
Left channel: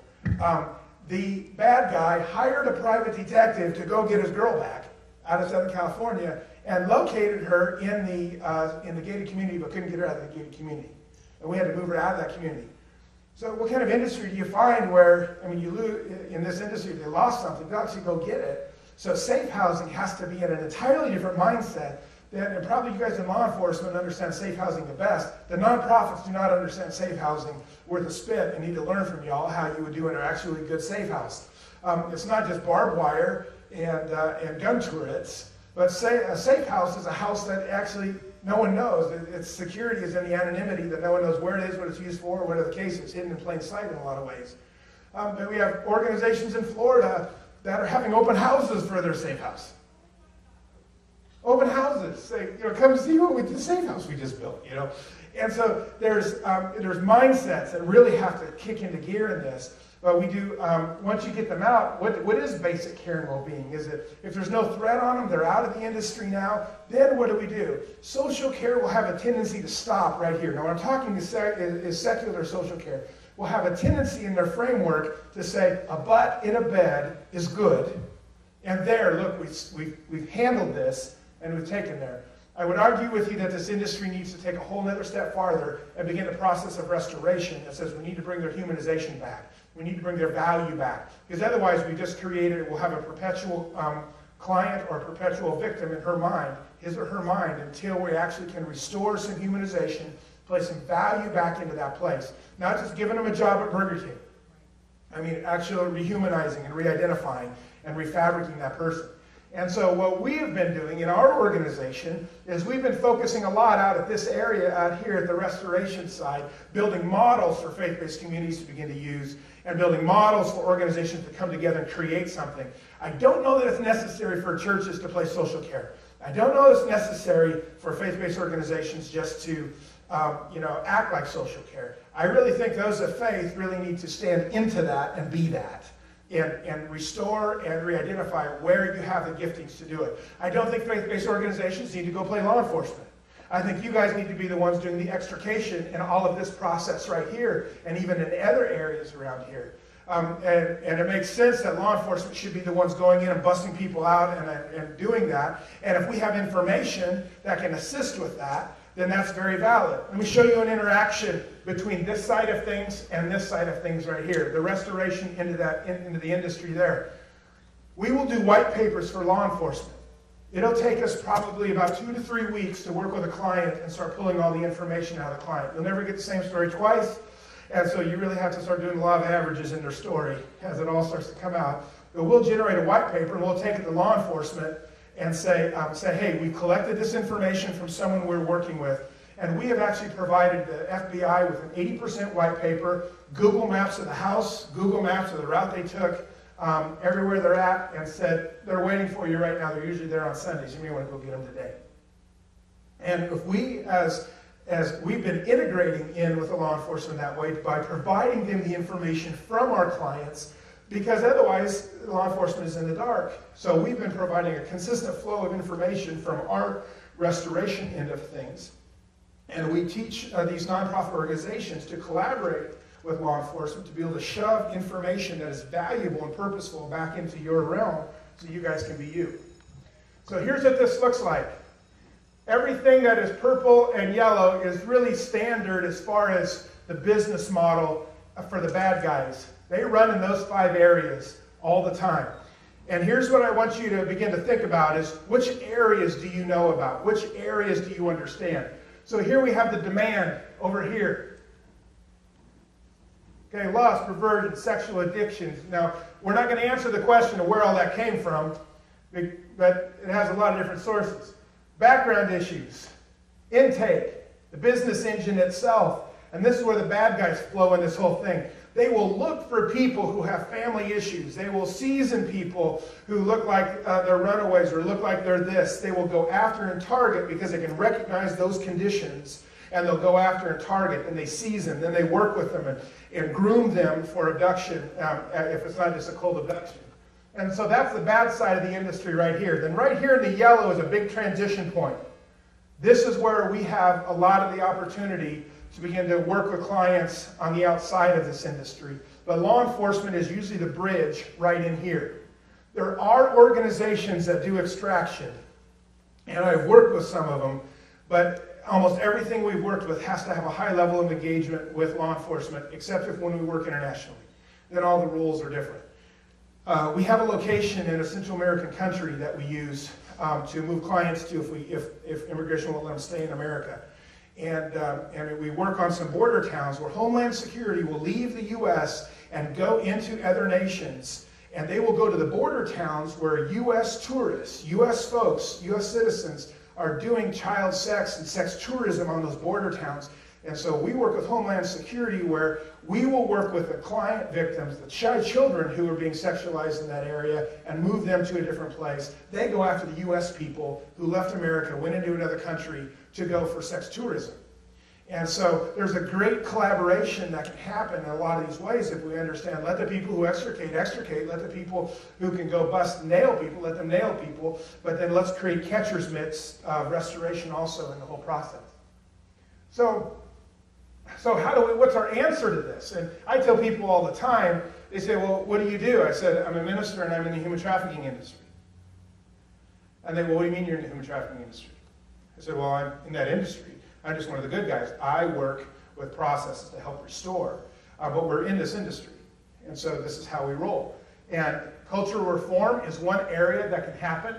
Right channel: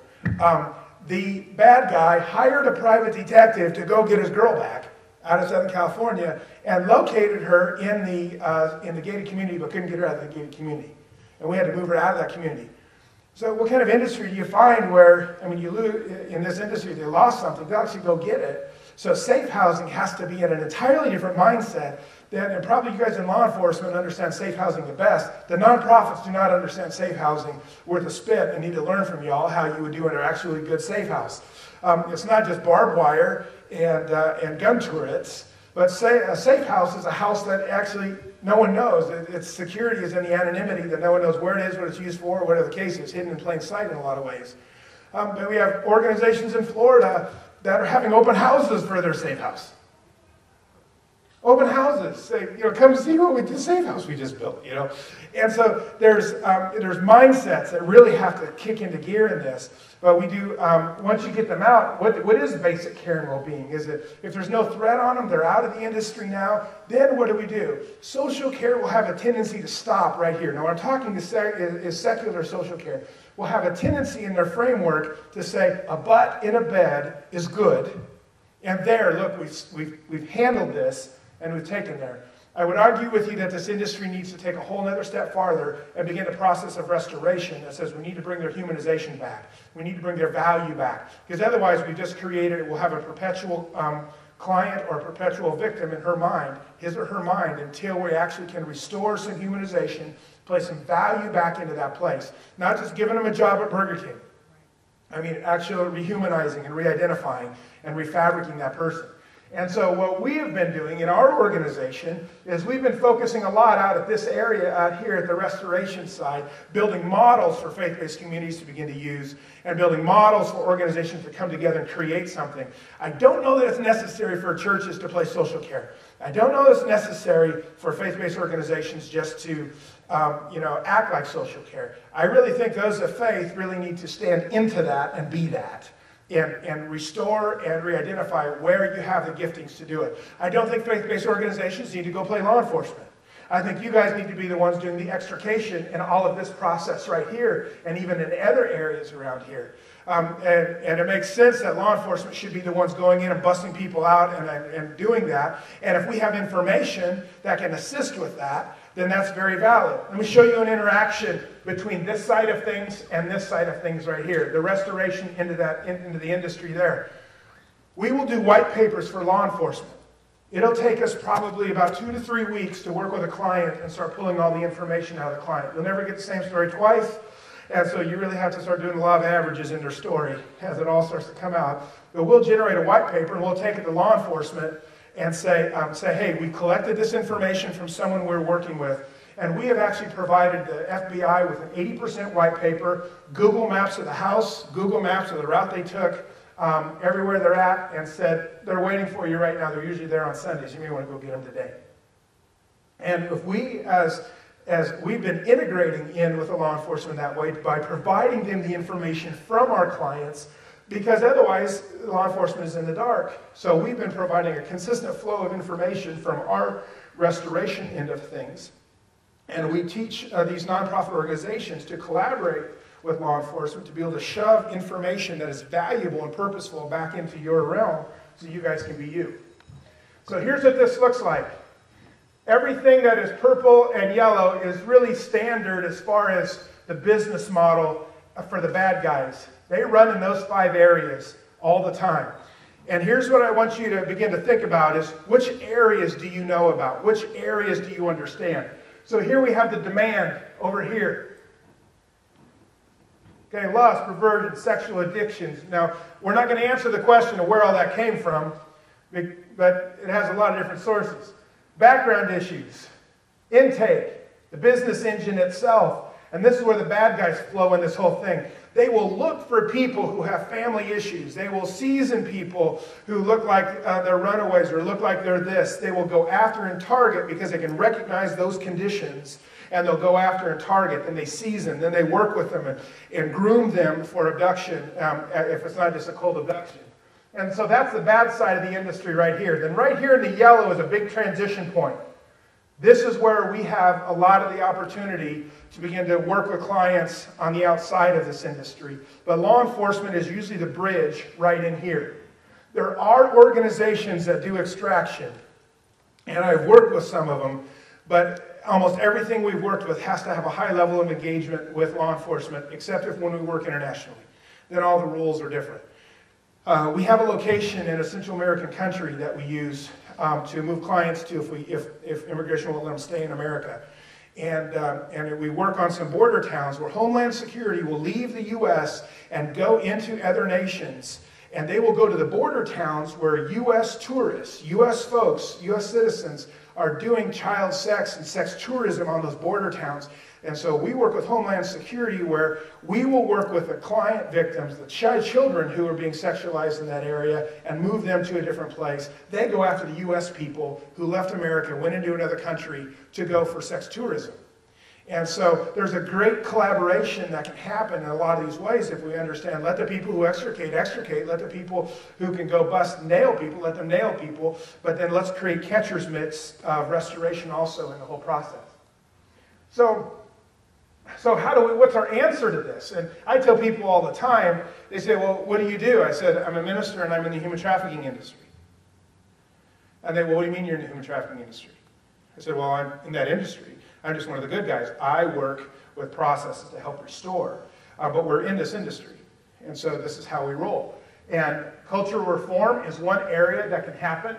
The bad guy hired a private detective to go get his girl back out of Southern California, and located her in the gated community, but couldn't get her out of the gated community. And we had to move her out of that community. So what kind of industry do you find where, you lose, in this industry, if you lost something, you actually go get it. So safe housing has to be in an entirely different mindset and probably you guys in law enforcement understand safe housing the best. The nonprofits do not understand safe housing worth a spit and need to learn from y'all how you would do an actually good safe house. It's not just barbed wire and gun turrets. But say a safe house is a house that actually no one knows. Its security is in the anonymity, that no one knows where it is, what it's used for, whatever the case is, hidden in plain sight in a lot of ways. But we have organizations in Florida that are having open houses for their safe house. Open houses. Say, come see what the safe house we just built, And so there's mindsets that really have to kick into gear in this. But we do, once you get them out, what is basic care and well-being? Is it, if there's no threat on them, they're out of the industry now, then what do? Social care will have a tendency to stop right here. Now, what I'm talking is secular social care. Will have a tendency in their framework to say a butt in a bed is good. And there, look, we've handled this and we've taken there. I would argue with you that this industry needs to take a whole other step farther and begin the process of restoration that says we need to bring their humanization back. We need to bring their value back. Because otherwise we've just created, we'll have a perpetual client or a perpetual victim in her mind, his or her mind, until we actually can restore some humanization, place some value back into that place. Not just giving them a job at Burger King. I mean, actually rehumanizing and re-identifying and refabricating that person. And so what we have been doing in our organization is we've been focusing a lot out at this area out here at the restoration side, building models for faith-based communities to begin to use, and building models for organizations to come together and create something. I don't know that it's necessary for churches to play social care. I don't know that it's necessary for faith-based organizations just to act like social care. I really think those of faith really need to stand into that and be that. And restore and re-identify where you have the giftings to do it. I don't think faith-based organizations need to go play law enforcement. I think you guys need to be the ones doing the extrication in all of this process right here, and even in other areas around here. And it makes sense that law enforcement should be the ones going in and busting people out and doing that. And if we have information that can assist with that, then that's very valid. Let me show you an interaction between this side of things and this side of things right here. The restoration into the industry there. We will do white papers for law enforcement. It'll take us probably about 2 to 3 weeks to work with a client and start pulling all the information out of the client. You'll never get the same story twice, and so you really have to start doing a lot of averages in their story as it all starts to come out. But we'll generate a white paper, and we'll take it to law enforcement and say, hey, we collected this information from someone we're working with, and we have actually provided the FBI with an 80% white paper, Google Maps of the house, Google Maps of the route they took, everywhere they're at, and said, they're waiting for you right now. They're usually there on Sundays. You may want to go get them today. And if we, as we've been integrating in with the law enforcement that way by providing them the information from our clients, because otherwise law enforcement is in the dark. So we've been providing a consistent flow of information from our restoration end of things. And we teach these nonprofit organizations to collaborate with law enforcement to be able to shove information that is valuable and purposeful back into your realm so you guys can be you. So here's what this looks like. Everything that is purple and yellow is really standard as far as the business model for the bad guys. They run in those 5 areas all the time. And here's what I want you to begin to think about is, which areas do you know about? Which areas do you understand? So here we have the demand over here. Okay, lust, perversion, sexual addictions. Now, we're not going to answer the question of where all that came from, but it has a lot of different sources. Background issues, intake, the business engine itself. And this is where the bad guys flow in this whole thing. They will look for people who have family issues. They will season people who look like they're runaways or look like they're this. They will go after and target because they can recognize those conditions, and they'll go after and target, and they season. Then they work with them and groom them for abduction if it's not just a cold abduction. And so that's the bad side of the industry right here. Then right here in the yellow is a big transition point. This is where we have a lot of the opportunity to begin to work with clients on the outside of this industry. But law enforcement is usually the bridge right in here. There are organizations that do extraction, and I've worked with some of them, but almost everything we've worked with has to have a high level of engagement with law enforcement, except if when we work internationally. Then all the rules are different. We have a location in a Central American country that we use to move clients to if immigration won't let them stay in America. And we work on some border towns where Homeland Security will leave the U.S. and go into other nations And they will go to the border towns where U.S. tourists, U.S. folks, U.S. citizens are doing child sex and sex tourism on those border towns. And so we work with Homeland Security where we will work with the client victims, the children who are being sexualized in that area, and move them to a different place. They go after the U.S. people who left America, went into another country to go for sex tourism. And so there's a great collaboration that can happen in a lot of these ways if we understand. Let the people who extricate. Let the people who can go bust nail people, let them nail people. But then let's create catcher's mitts restoration also in the whole process. So what's our answer to this? And I tell people all the time, they say, well, what do you do? I said, I'm a minister and I'm in the human trafficking industry. And they, well, what do you mean you're in the human trafficking industry? I said, well, I'm in that industry. I'm just one of the good guys. I work with processes to help restore, but we're in this industry. And so this is how we roll. And cultural reform is one area that can happen.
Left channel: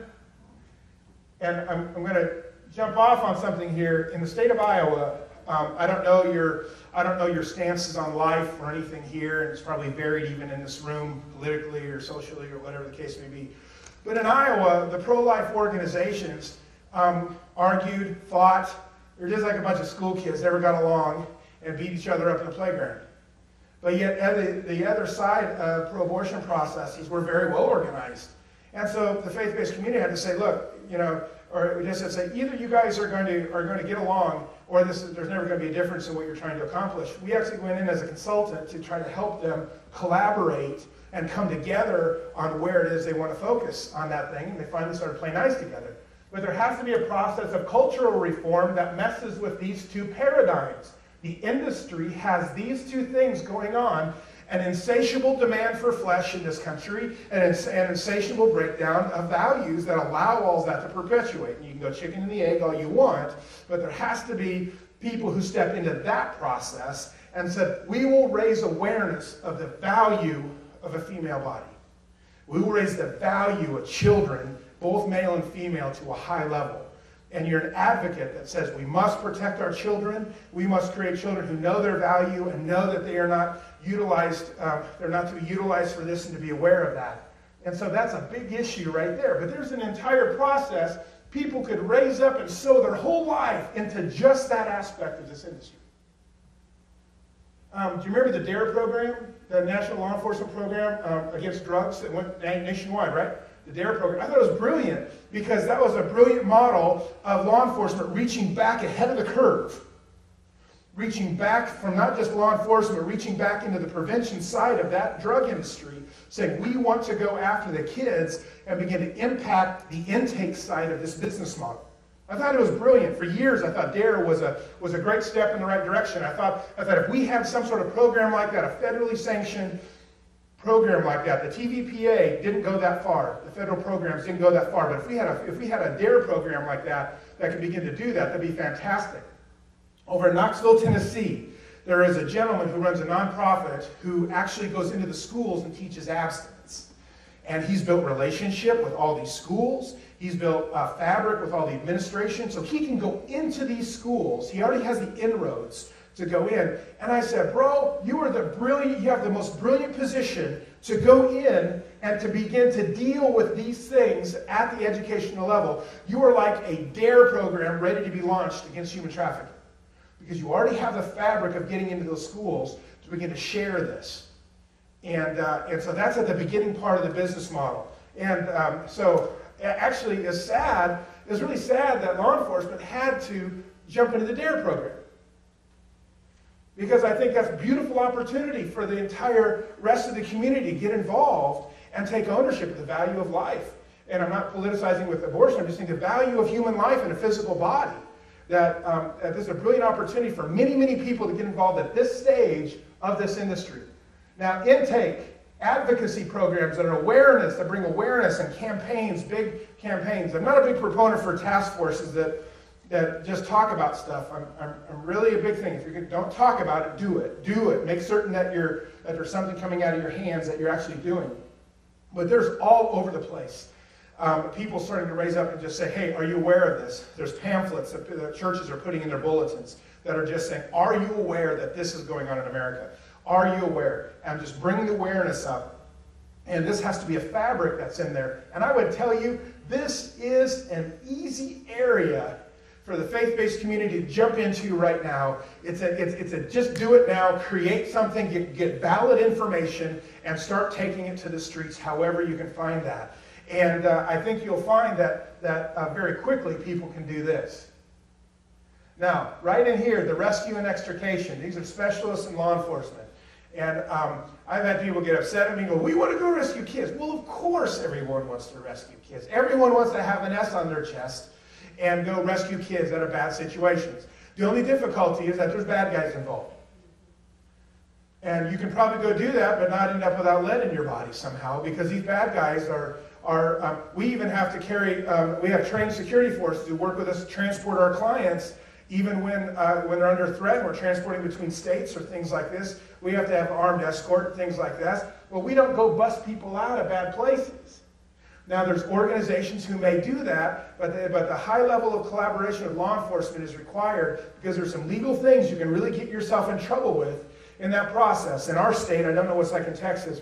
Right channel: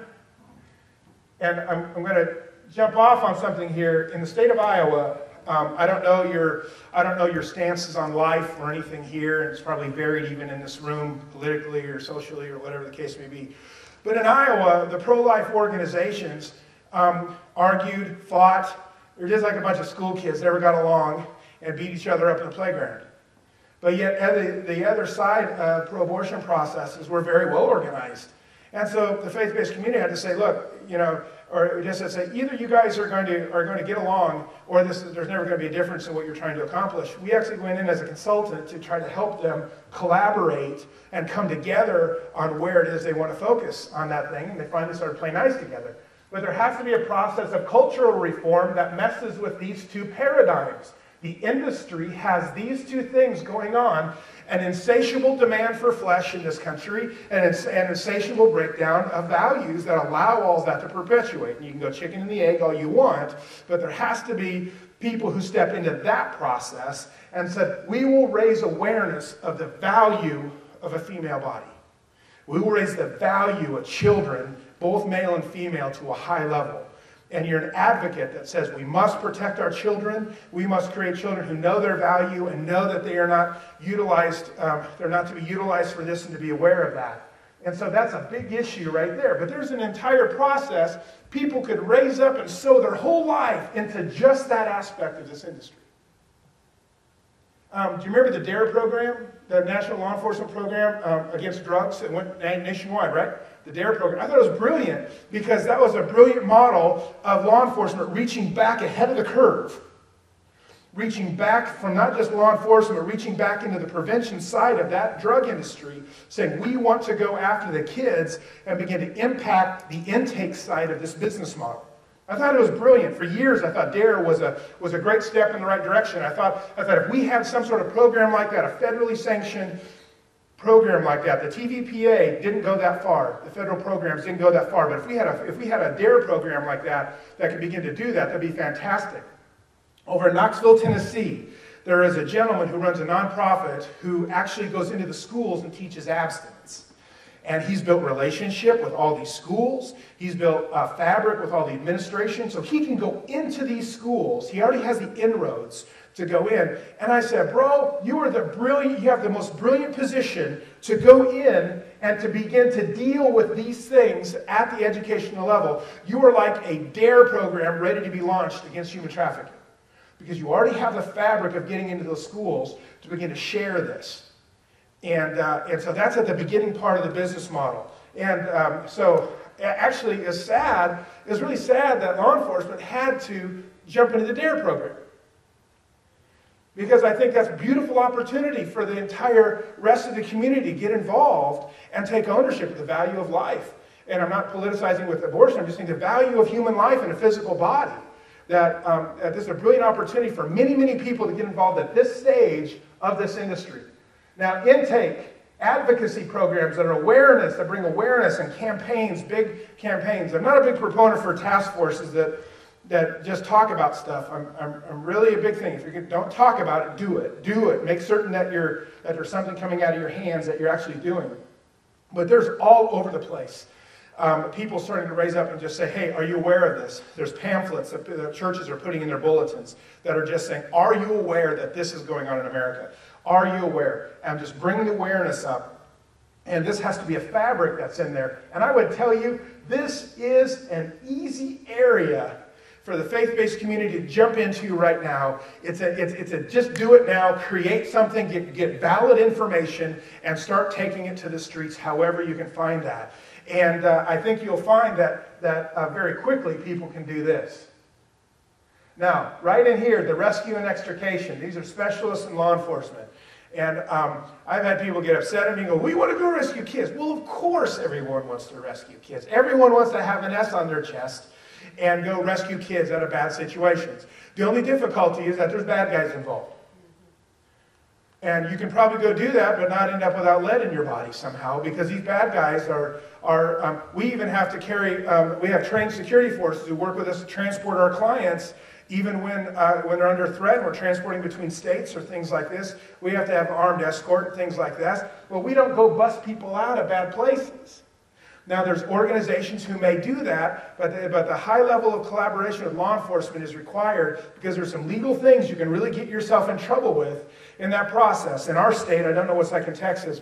And I'm going to jump off on something here. In the state of Iowa, I don't know your stances on life or anything here, and it's probably varied even in this room, politically or socially or whatever the case may be. But in Iowa, the pro-life organizations argued, fought. They're just like a bunch of school kids that never got along and beat each other up in the playground. But yet the other side, pro-abortion processes were very well organized. And so the faith-based community had to say, look, or just to say, either you guys are going to get along, or there's never going to be a difference in what you're trying to accomplish. We actually went in as a consultant to try to help them collaborate and come together on where it is they want to focus on that thing, and they finally started playing nice together. But there has to be a process of cultural reform that messes with these two paradigms. The industry has these two things going on, an insatiable demand for flesh in this country, and an insatiable breakdown of values that allow all that to perpetuate. And you can go chicken and the egg all you want, but there has to be people who step into that process and said, we will raise awareness of the value of a female body. We will raise the value of children, both male and female, to a high level. And you're an advocate that says we must protect our children. We must create children who know their value and know that they are not utilized. They're not to be utilized for this, and to be aware of that. And so that's a big issue right there. But there's an entire process. People could raise up and sow their whole life into just that aspect of this industry. Do you remember the DARE program, the National Law Enforcement Program against drugs that went nationwide, right? The DARE program. I thought it was brilliant because that was a brilliant model of law enforcement reaching back ahead of the curve. Reaching back from not just law enforcement, but reaching back into the prevention side of that drug industry, saying we want to go after the kids and begin to impact the intake side of this business model. I thought it was brilliant. For years, I thought DARE was a great step in the right direction. I thought if we had some sort of program like that, a federally sanctioned program like that, the TVPA didn't go that far. The federal programs didn't go that far. But if we had a DARE program like that could begin to do that, that'd be fantastic. Over in Knoxville, Tennessee, there is a gentleman who runs a nonprofit who actually goes into the schools and teaches abstinence. And he's built relationship with all these schools. He's built fabric with all the administration. So he can go into these schools. He already has the inroads to go in. And I said, bro, you have the most brilliant position to go in and to begin to deal with these things at the educational level. You are like a DARE program ready to be launched against human trafficking. Because you already have the fabric of getting into those schools to begin to share this. And so that's at the beginning part of the business model. And so actually it's really sad that law enforcement had to jump into the DARE program. Because I think that's a beautiful opportunity for the entire rest of the community to get involved and take ownership of the value of life. And I'm not politicizing with abortion, I'm just saying the value of human life in a physical body. That this is a brilliant opportunity for many, many people to get involved at this stage of this industry. Now, intake, advocacy programs and awareness, that bring awareness and campaigns, big campaigns. I'm not a big proponent for task forces that just talk about stuff. I'm really a big thing. If you don't talk about it, do it. Do it. Make certain that there's something coming out of your hands that you're actually doing. But there's all over the place. People starting to raise up and just say, hey, are you aware of this? There's pamphlets that the churches are putting in their bulletins that are just saying, are you aware that this is going on in America? Are you aware? And just bringing the awareness up. And this has to be a fabric that's in there. And I would tell you, this is an easy area for the faith-based community to jump into right now. It's a just do it now, create something, get valid information, and start taking it to the streets however you can find that. And I think you'll find that very quickly people can do this. Now, right in here, the rescue and extrication. These are specialists in law enforcement. And I've had people get upset at me and go, we want to go rescue kids. Well, of course everyone wants to rescue kids. Everyone wants to have an S on their chest and go rescue kids out of bad situations. The only difficulty is that there's bad guys involved. And you can probably go do that, but not end up without lead in your body somehow, because these bad guys we even have to carry, we have trained security forces who work with us to transport our clients, even when they're under threat, we're transporting between states or things like this. We have to have armed escort and things like that. Well, we don't go bust people out of bad places. Now, there's organizations who may do that, but the high level of collaboration with law enforcement is required, because there's some legal things you can really get yourself in trouble with in that process. In our state, I don't know what's like in Texas,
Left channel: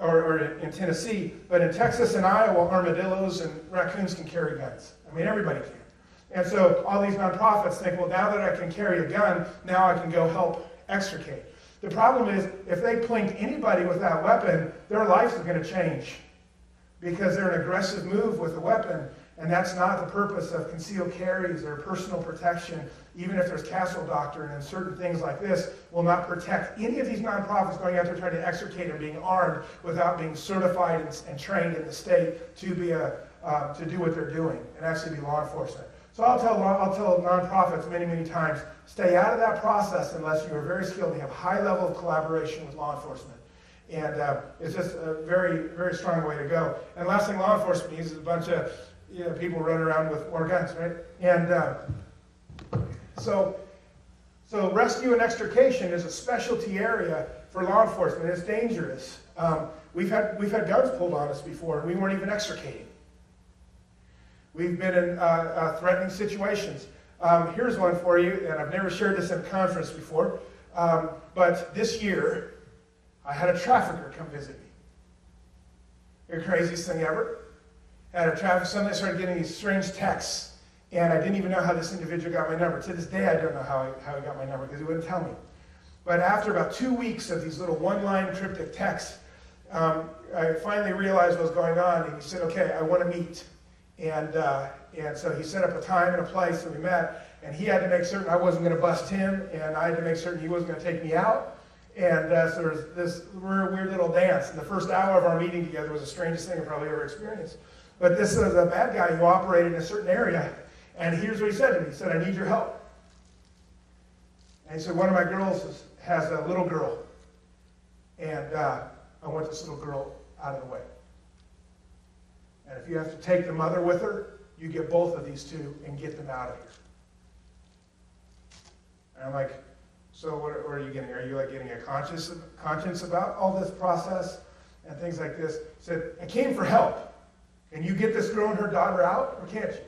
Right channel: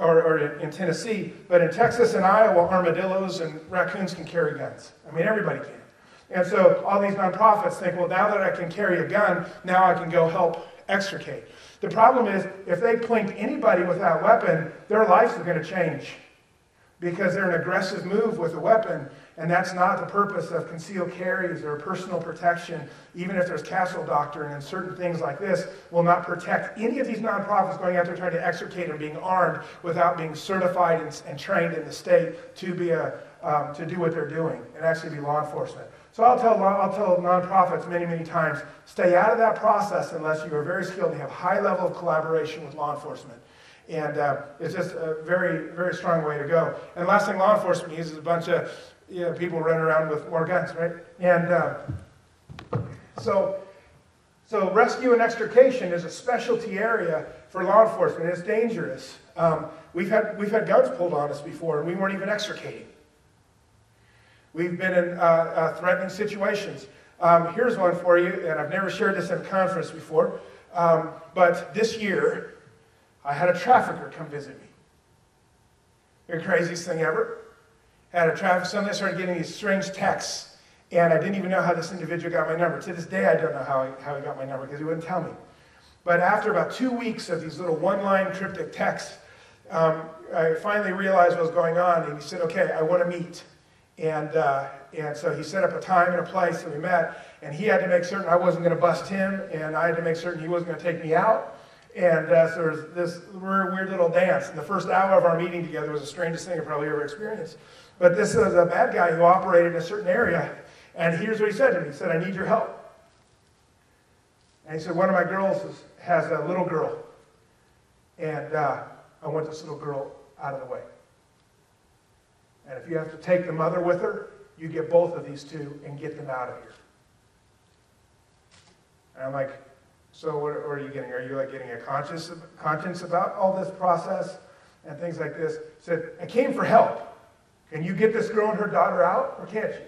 or in Tennessee, but in Texas and Iowa, armadillos and raccoons can carry guns. I mean, everybody can. And so all these nonprofits think, well, now that I can carry a gun, now I can go help extricate. The problem is, if they plink anybody with that weapon, their lives are going to change, because they're an aggressive move with a weapon, and that's not the purpose of concealed carries or personal protection. Even if there's castle doctrine and certain things like this will not protect any of these nonprofits going out there trying to extricate and being armed without being certified and trained in the state to do what they're doing and actually be law enforcement. So I'll tell nonprofits many, many times, stay out of that process unless you are very skilled and have high level of collaboration with law enforcement. And it's just a very, very strong way to go. And last thing law enforcement uses is a bunch of people running around with more guns, right? And so rescue and extrication is a specialty area for law enforcement. It's dangerous. We've had guns pulled on us before, and we weren't even extricating. We've been in threatening situations. Here's one for you, and I've never shared this in a conference before, but this year, I had a trafficker come visit me. The craziest thing ever. Somebody started getting these strange texts, and I didn't even know how this individual got my number. To this day, I don't know how he got my number, because he wouldn't tell me. But after about 2 weeks of these little one-line cryptic texts, I finally realized what was going on, and he said, okay, I want to meet. And so he set up a time and a place, and we met, and he had to make certain I wasn't going to bust him, and I had to make certain he wasn't going to take me out. And so there was this weird little dance. And the first hour of our meeting together was the strangest thing I've probably ever experienced. But this was a bad guy who operated in a certain area. And here's what he said to me. He said, I need your help. And he said, one of my girls has a little girl. And I want this little girl out of the way. And if you have to take the mother with her, you get both of these two and get them out of here. And I'm like, so what are you getting? Are you like getting a conscience about all this process and things like this? He said, I came for help. Can you get this girl and her daughter out, or can't you?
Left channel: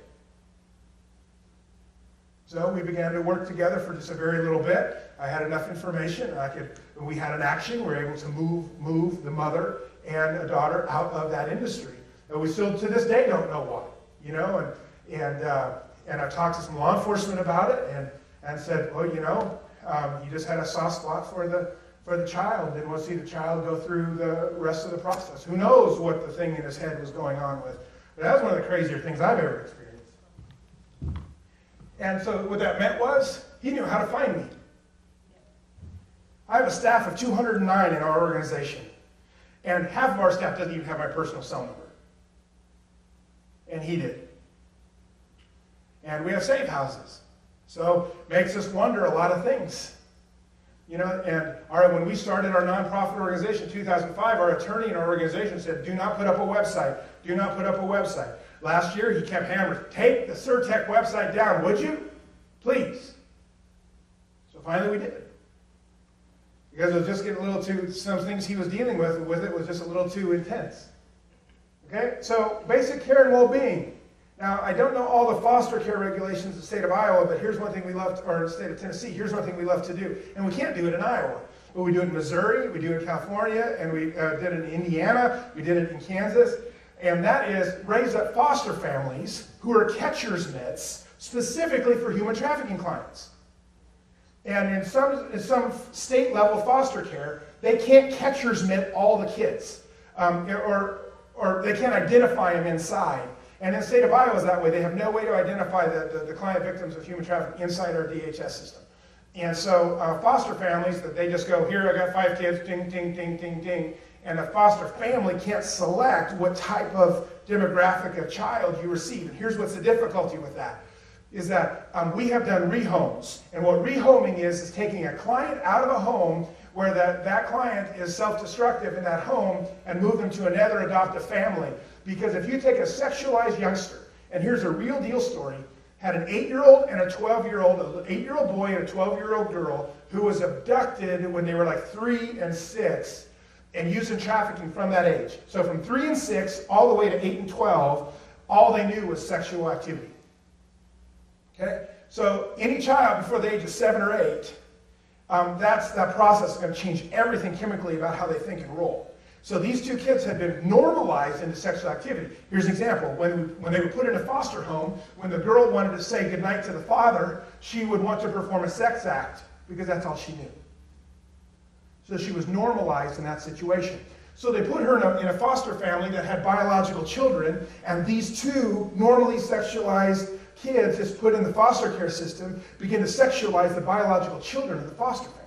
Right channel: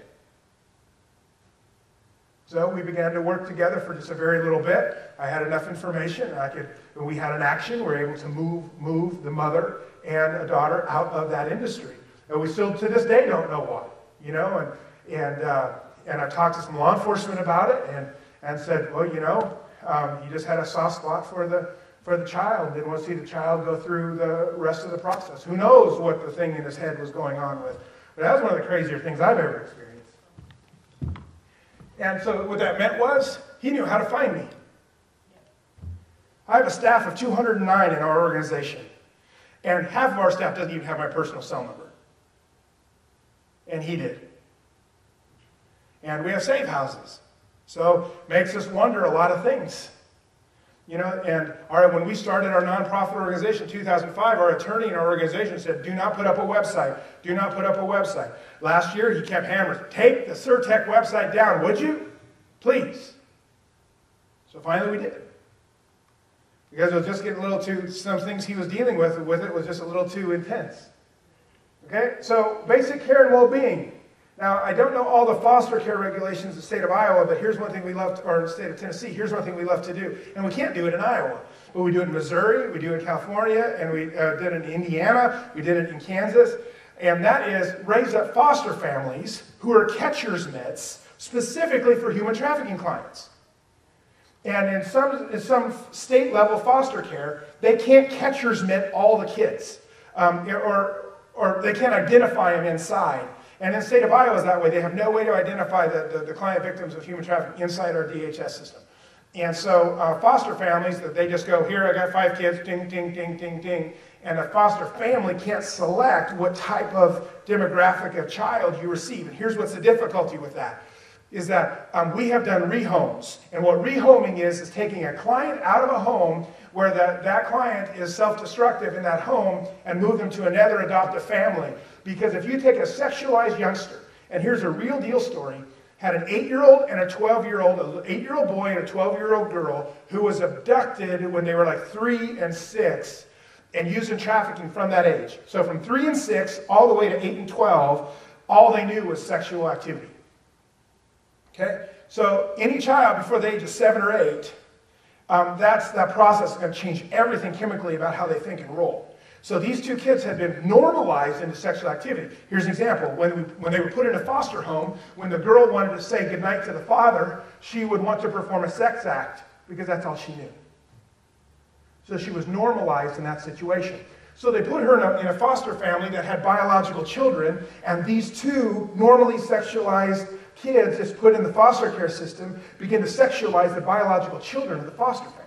So we began to work together for just a very little bit. I had enough information, and we had an action. We were able to move the mother and a daughter out of that industry. And we still, to this day, don't know why. And I talked to some law enforcement about it, and said, well, you just had a soft spot for the child. Didn't want to see the child go through the rest of the process. Who knows what the thing in his head was going on with. But that was one of the crazier things I've ever experienced. And so what that meant was, he knew how to find me. I have a staff of 209 in our organization. And half of our staff doesn't even have my personal cell number. And he did. And we have safe houses. So it makes us wonder a lot of things. And when we started our nonprofit organization in 2005, our attorney in our organization said, do not put up a website. Do not put up a website. Last year, he kept hammering, take the Surtech website down, would you? Please. So finally we did. Because it was just getting a little too, some things he was dealing with it was just a little too intense. Okay, so basic care and well-being. Now, I don't know all the foster care regulations in the state of Iowa, but here's one thing we love, or the state of Tennessee, here's one thing we love to do. And we can't do it in Iowa. but we do it in Missouri, we do it in California, and we did it in Indiana, we did it in Kansas. And that is raise up foster families who are catcher's mitts specifically for human trafficking clients. And in some state-level foster care, they can't catcher's mitt all the kids, or they can't identify them inside. And in the state of Iowa is that way. They have no way to identify the client victims of human trafficking inside our DHS system. And so foster families, that they just go, here, I got 5 kids, ding, ding, ding, ding, ding. And the foster family can't select what type of demographic of child you receive. And here's what's the difficulty with that, is that we have done rehomes. And what rehoming is taking a client out of a home where that client is self-destructive in that home and move them to another adoptive family. Because if you take a sexualized youngster, and here's a real deal story, had an 8-year-old and a 12-year-old, an 8-year-old boy and a 12-year-old girl who was abducted when they were like 3 and 6 and used in trafficking from that age. So from 3 and 6 all the way to 8 and 12, all they knew was sexual activity. Okay? So any child before the age of 7 or 8, that process is going to change everything chemically about how they think and roll. So these 2 kids had been normalized into sexual activity. Here's an example. When they were put in a foster home, when the girl wanted to say goodnight to the father, she would want to perform a sex act because that's all she knew. So she was normalized in that situation. So they put her in a foster family that had biological children, and these 2 normally sexualized kids just put in the foster care system begin to sexualize the biological children of the foster family.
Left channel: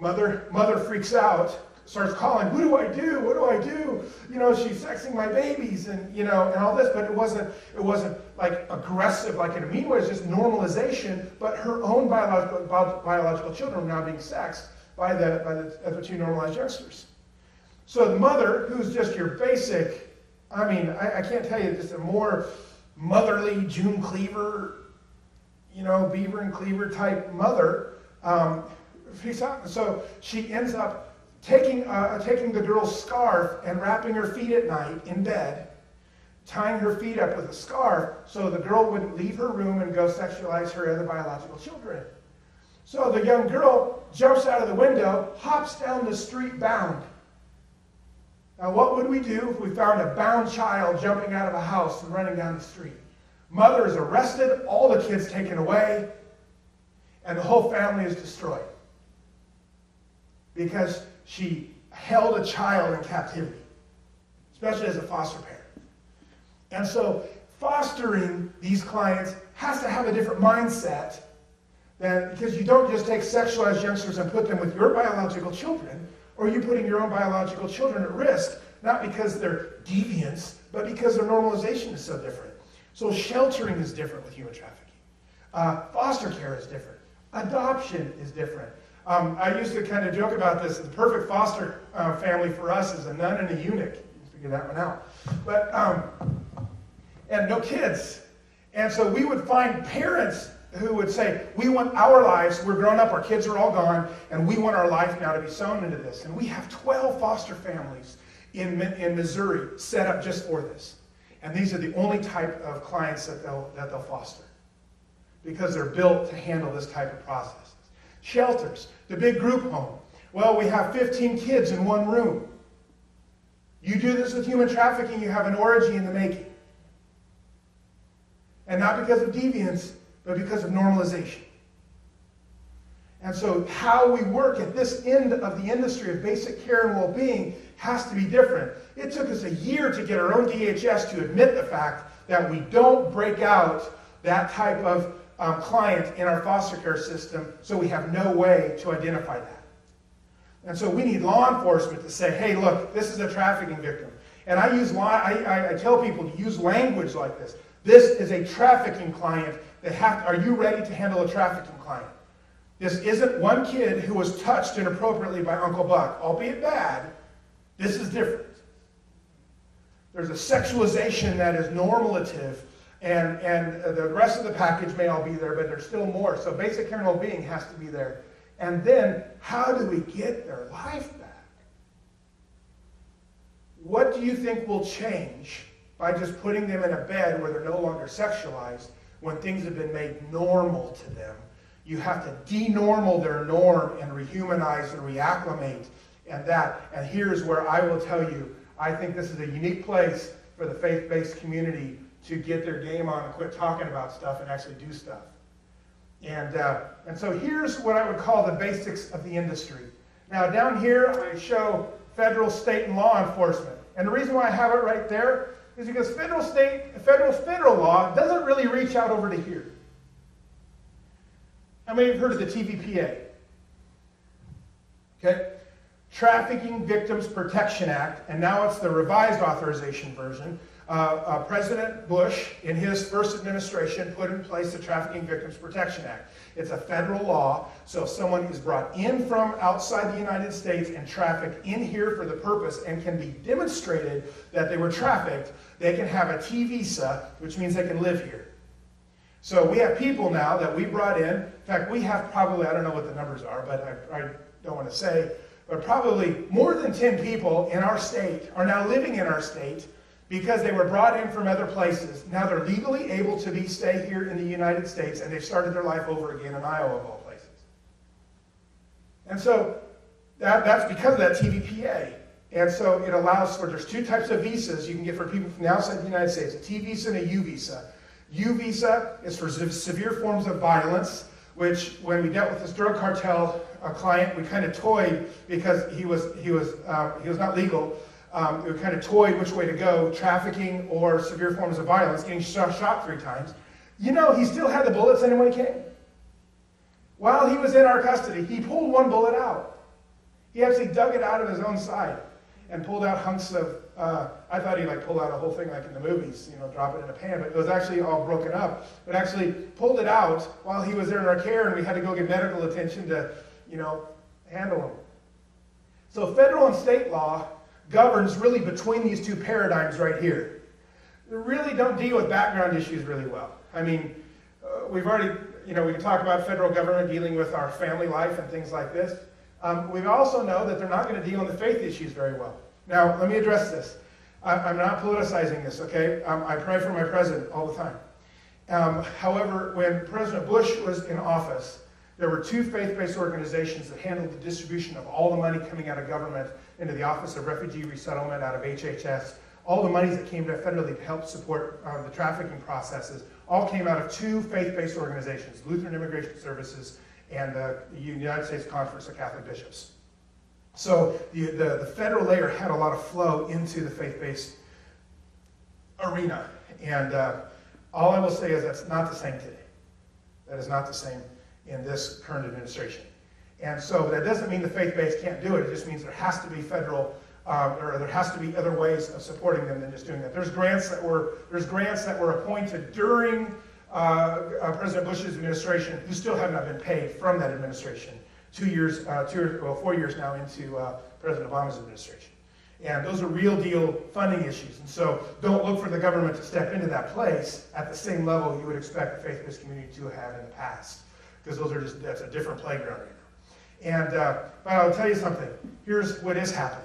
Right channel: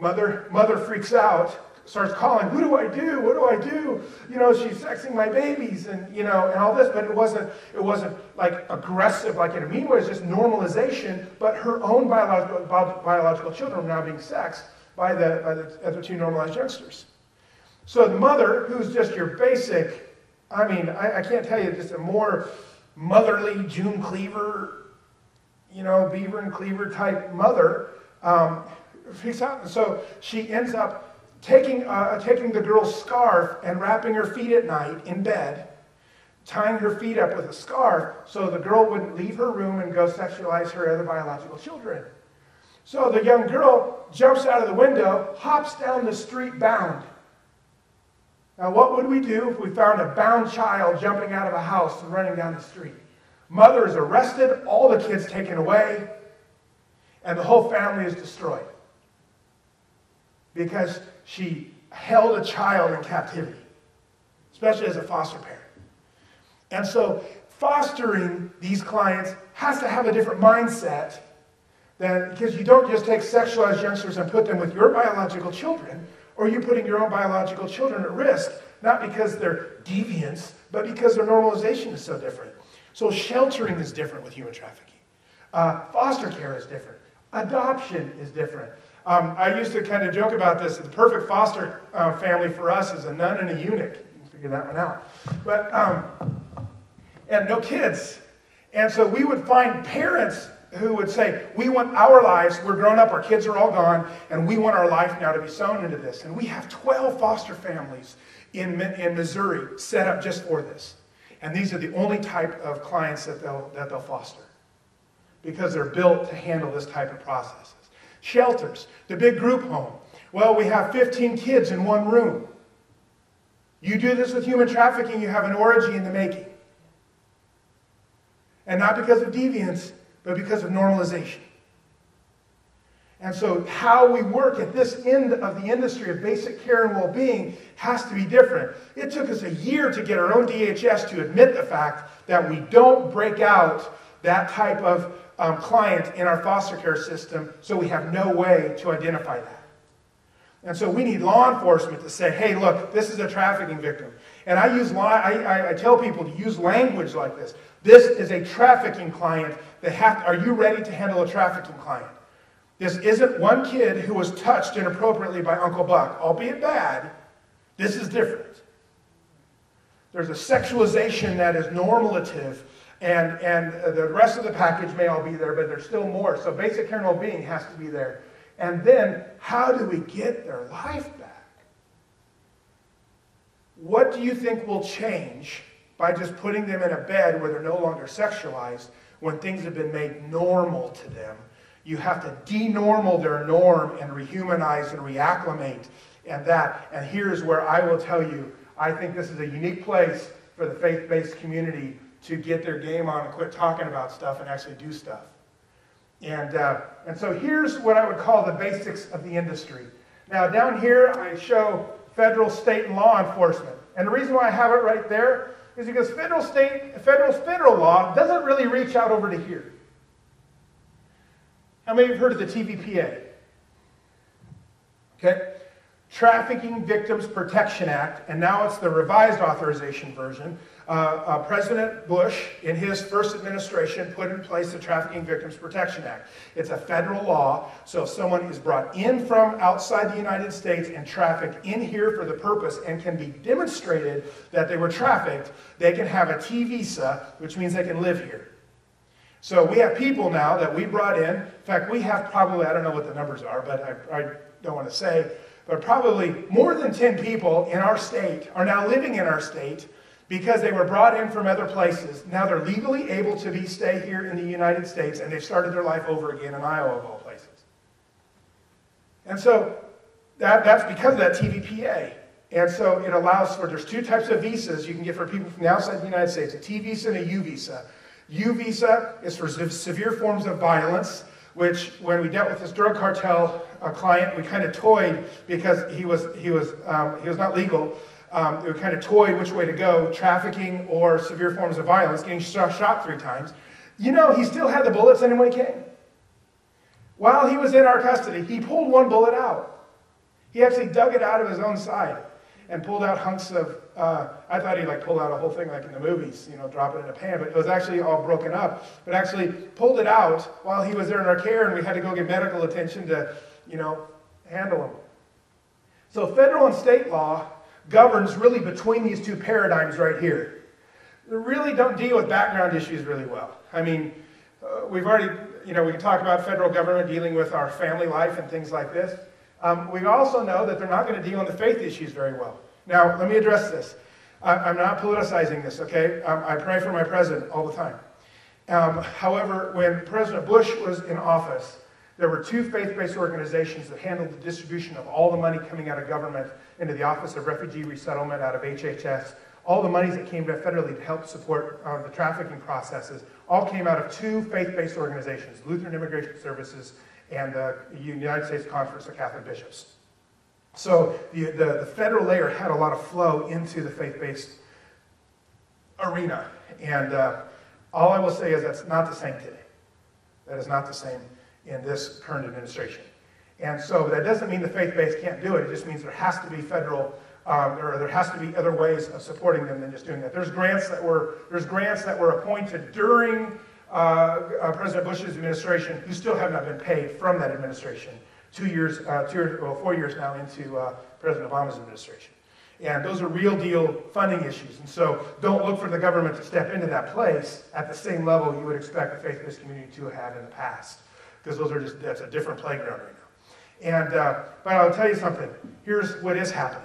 Mother freaks out, starts calling, what do I do? What do I do? You know, she's sexing my babies and, you know, and all this, but it wasn't like aggressive like in a mean way, it was just normalization, but her own biological children were now being sexed by the other 2 normalized youngsters. So the mother, who's just your basic, I mean, I can't tell you, just a more motherly June Cleaver, you know, Beaver and Cleaver type mother, so she ends up taking the girl's scarf and wrapping her feet at night in bed, tying her feet up with a scarf so the girl wouldn't leave her room and go sexualize her other biological children. So the young girl jumps out of the window, hops down the street bound. Now what would we do if we found a bound child jumping out of a house and running down the street? Mother is arrested, all the kids taken away, and the whole family is destroyed. Because she held a child in captivity, especially as a foster parent. And so fostering these clients has to have a different mindset because you don't just take sexualized youngsters and put them with your biological children, or you putting your own biological children at risk, not because they're deviants, but because their normalization is so different. So sheltering is different with human trafficking. Foster care is different. Adoption is different. I used to kind of joke about this. The perfect foster family for us is a nun and a eunuch. You can figure that one out. But, and no kids. And so we would find parents who would say, we want our lives, we're grown up, our kids are all gone, and we want our life now to be sown into this. And we have 12 foster families in Missouri set up just for this. And these are the only type of clients that they'll foster, because they're built to handle this type of processes. Shelters, the big group home. Well, we have 15 kids in one room. You do this with human trafficking, you have an orgy in the making. And not because of deviance, but because of normalization. And so how we work at this end of the industry of basic care and well-being has to be different. It took us a year to get our own DHS to admit the fact that we don't break out that type of client in our foster care system, so we have no way to identify that. And so we need law enforcement to say, hey, look, this is a trafficking victim. And I tell people to use language like this. This is a trafficking client. Are you ready to handle a trafficking client? This isn't one kid who was touched inappropriately by Uncle Buck, albeit bad. This is different. There's a sexualization that is normative, and the rest of the package may all be there, but there's still more. So basic care and well-being has to be there. And then, how do we get their life back? What do you think will change by just putting them in a bed where they're no longer sexualized when things have been made normal to them You have to denormal their norm and rehumanize and reacclimate and that. And here's where I will tell you, I think this is a unique place for the faith-based community to get their game on and quit talking about stuff and actually do stuff. And so here's what I would call the basics of the industry. Now down here I show federal, state, and law enforcement. And the reason why I have it right there is because federal law doesn't really reach out over to here. How many have heard of the TVPA? Okay. Trafficking Victims Protection Act, and now it's the revised authorization version. President Bush, in his first administration, put in place the Trafficking Victims Protection Act. It's a federal law, so if someone is brought in from outside the United States and trafficked in here for the purpose and can be demonstrated that they were trafficked, they can have a T visa, which means they can live here. So we have people now that we brought in fact, we have probably, I don't know what the numbers are, but I don't want to say, but probably more than 10 people in our state are now living in our state because they were brought in from other places. Now they're legally able to stay here in the United States, and they've started their life over again in Iowa, of all places. And so that's because of that TVPA. And so it allows for, there's two types of visas you can get for people from the outside the United States, a T visa and a U visa. U visa is for severe forms of violence, which when we dealt with this drug cartel client, we kind of toyed because he was not legal. We kind of toyed which way to go, trafficking or severe forms of violence, getting shot 3 times. You know, he still had the bullets in him when he came. While he was in our custody, he pulled one bullet out. He actually dug it out of his own side and pulled out hunks of, I thought he pulled out a whole thing like in the movies, drop it in a pan, but it was actually all broken up. But actually pulled it out while he was there in our care, and we had to go get medical attention to, handle him. So federal and state law governs really between these two paradigms right here. We really don't deal with background issues really well. I mean, we've already, we talked about federal government dealing with our family life and things like this. We also know that they're not going to deal with the faith issues very well. Now, let me address this. I'm not politicizing this, okay? I pray for my president all the time. However, when President Bush was in office, there were 2 faith-based organizations that handled the distribution of all the money coming out of government into the Office of Refugee Resettlement out of HHS. All the monies that came federally to help support the trafficking processes all came out of 2 faith-based organizations, Lutheran Immigration Services and the United States Conference of Catholic Bishops. So the federal layer had a lot of flow into the faith-based arena. And all I will say is that's not the same today. That is not the same in this current administration. And so that doesn't mean the faith-based can't do it. It just means there has to be federal, or there has to be other ways of supporting them than just doing that. There's grants that were appointed during President Bush's administration who still have not been paid from that administration. 4 years now into President Obama's administration. And those are real deal funding issues. And so don't look for the government to step into that place at the same level you would expect the faith-based community to have in the past. Because that's a different playground right now. And, but I'll tell you something. Here's what is happening.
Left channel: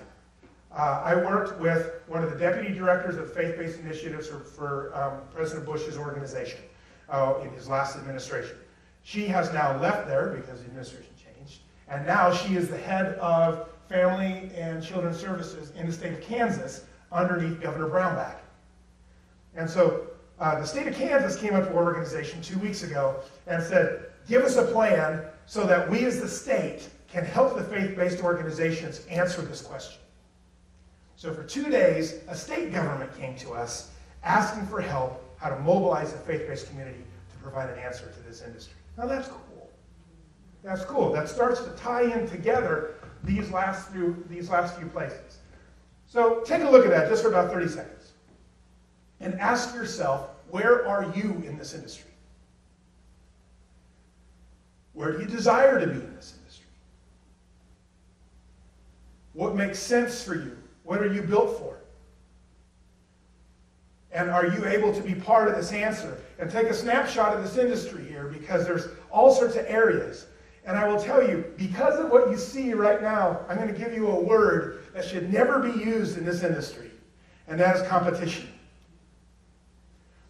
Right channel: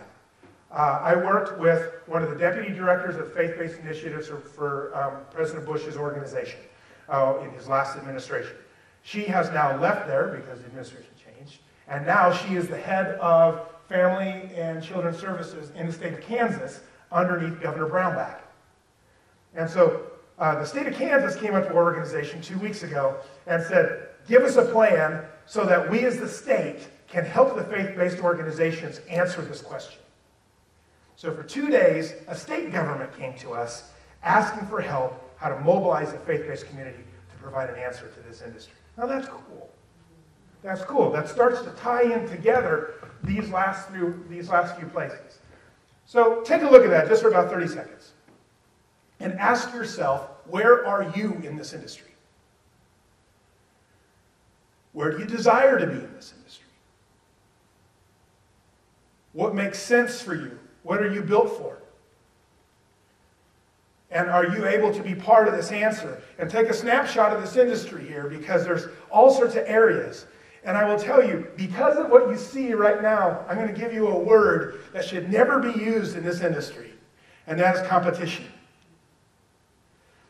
I worked with one of the deputy directors of faith-based initiatives for President Bush's organization in his last administration. She has now left there because the administration changed, and now she is the head of Family and Children's Services in the state of Kansas underneath Governor Brownback. And so the state of Kansas came up to our organization 2 weeks ago and said, give us a plan so that we as the state can help the faith-based organizations answer this question. So for 2 days, a state government came to us asking for help how to mobilize the faith-based community to provide an answer to this industry. Now that's cool. That's cool. That starts to tie in together these last few places. So take a look at that just for about 30 seconds. And ask yourself, where are you in this industry? Where do you desire to be in this industry? What makes sense for you? What are you built for? And are you able to be part of this answer? And take a snapshot of this industry here, because there's all sorts of areas. And I will tell you, because of what you see right now, I'm going to give you a word that should never be used in this industry, and that is competition.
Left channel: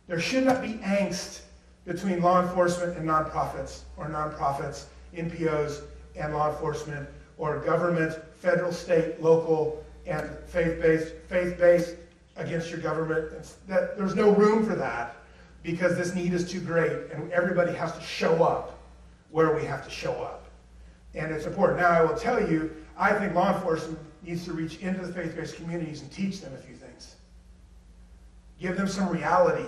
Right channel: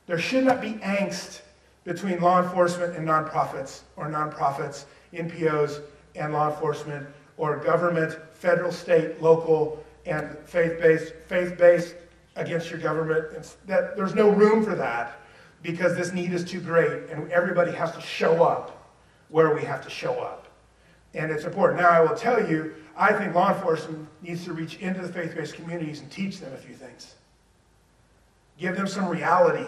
There should not be angst between law enforcement and nonprofits, or nonprofits, NPOs, and law enforcement, or government, federal, state, local, and faith-based against your government. There's no room for that because this need is too great, and everybody has to show up where we have to show up. And it's important. Now, I will tell you, I think law enforcement needs to reach into the faith-based communities and teach them a few things. Give them some reality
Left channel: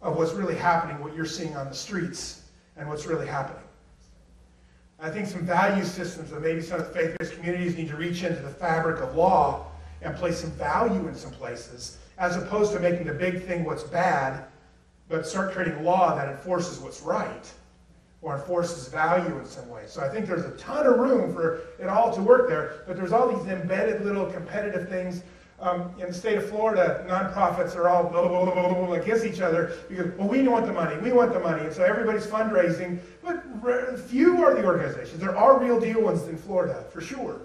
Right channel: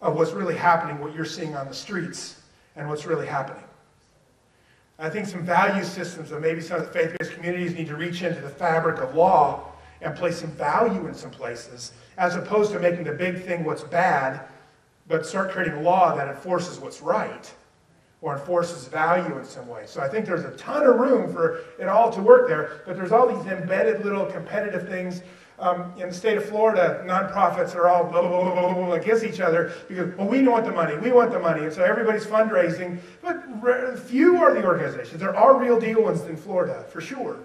of what's really happening, what you're seeing on the streets, and what's really happening. I think some value systems of maybe some of the faith-based communities need to reach into the fabric of law and place some value in some places, as opposed to making the big thing what's bad, but start creating law that enforces what's right, or enforces value in some way. So I think there's a ton of room for it all to work there, but there's all these embedded little competitive things. In the state of Florida, nonprofits are all blah, blah, blah, blah, blah, against each other because, well, we want the money, and so everybody's fundraising, but few are the organizations. There are real deal ones in Florida, for sure.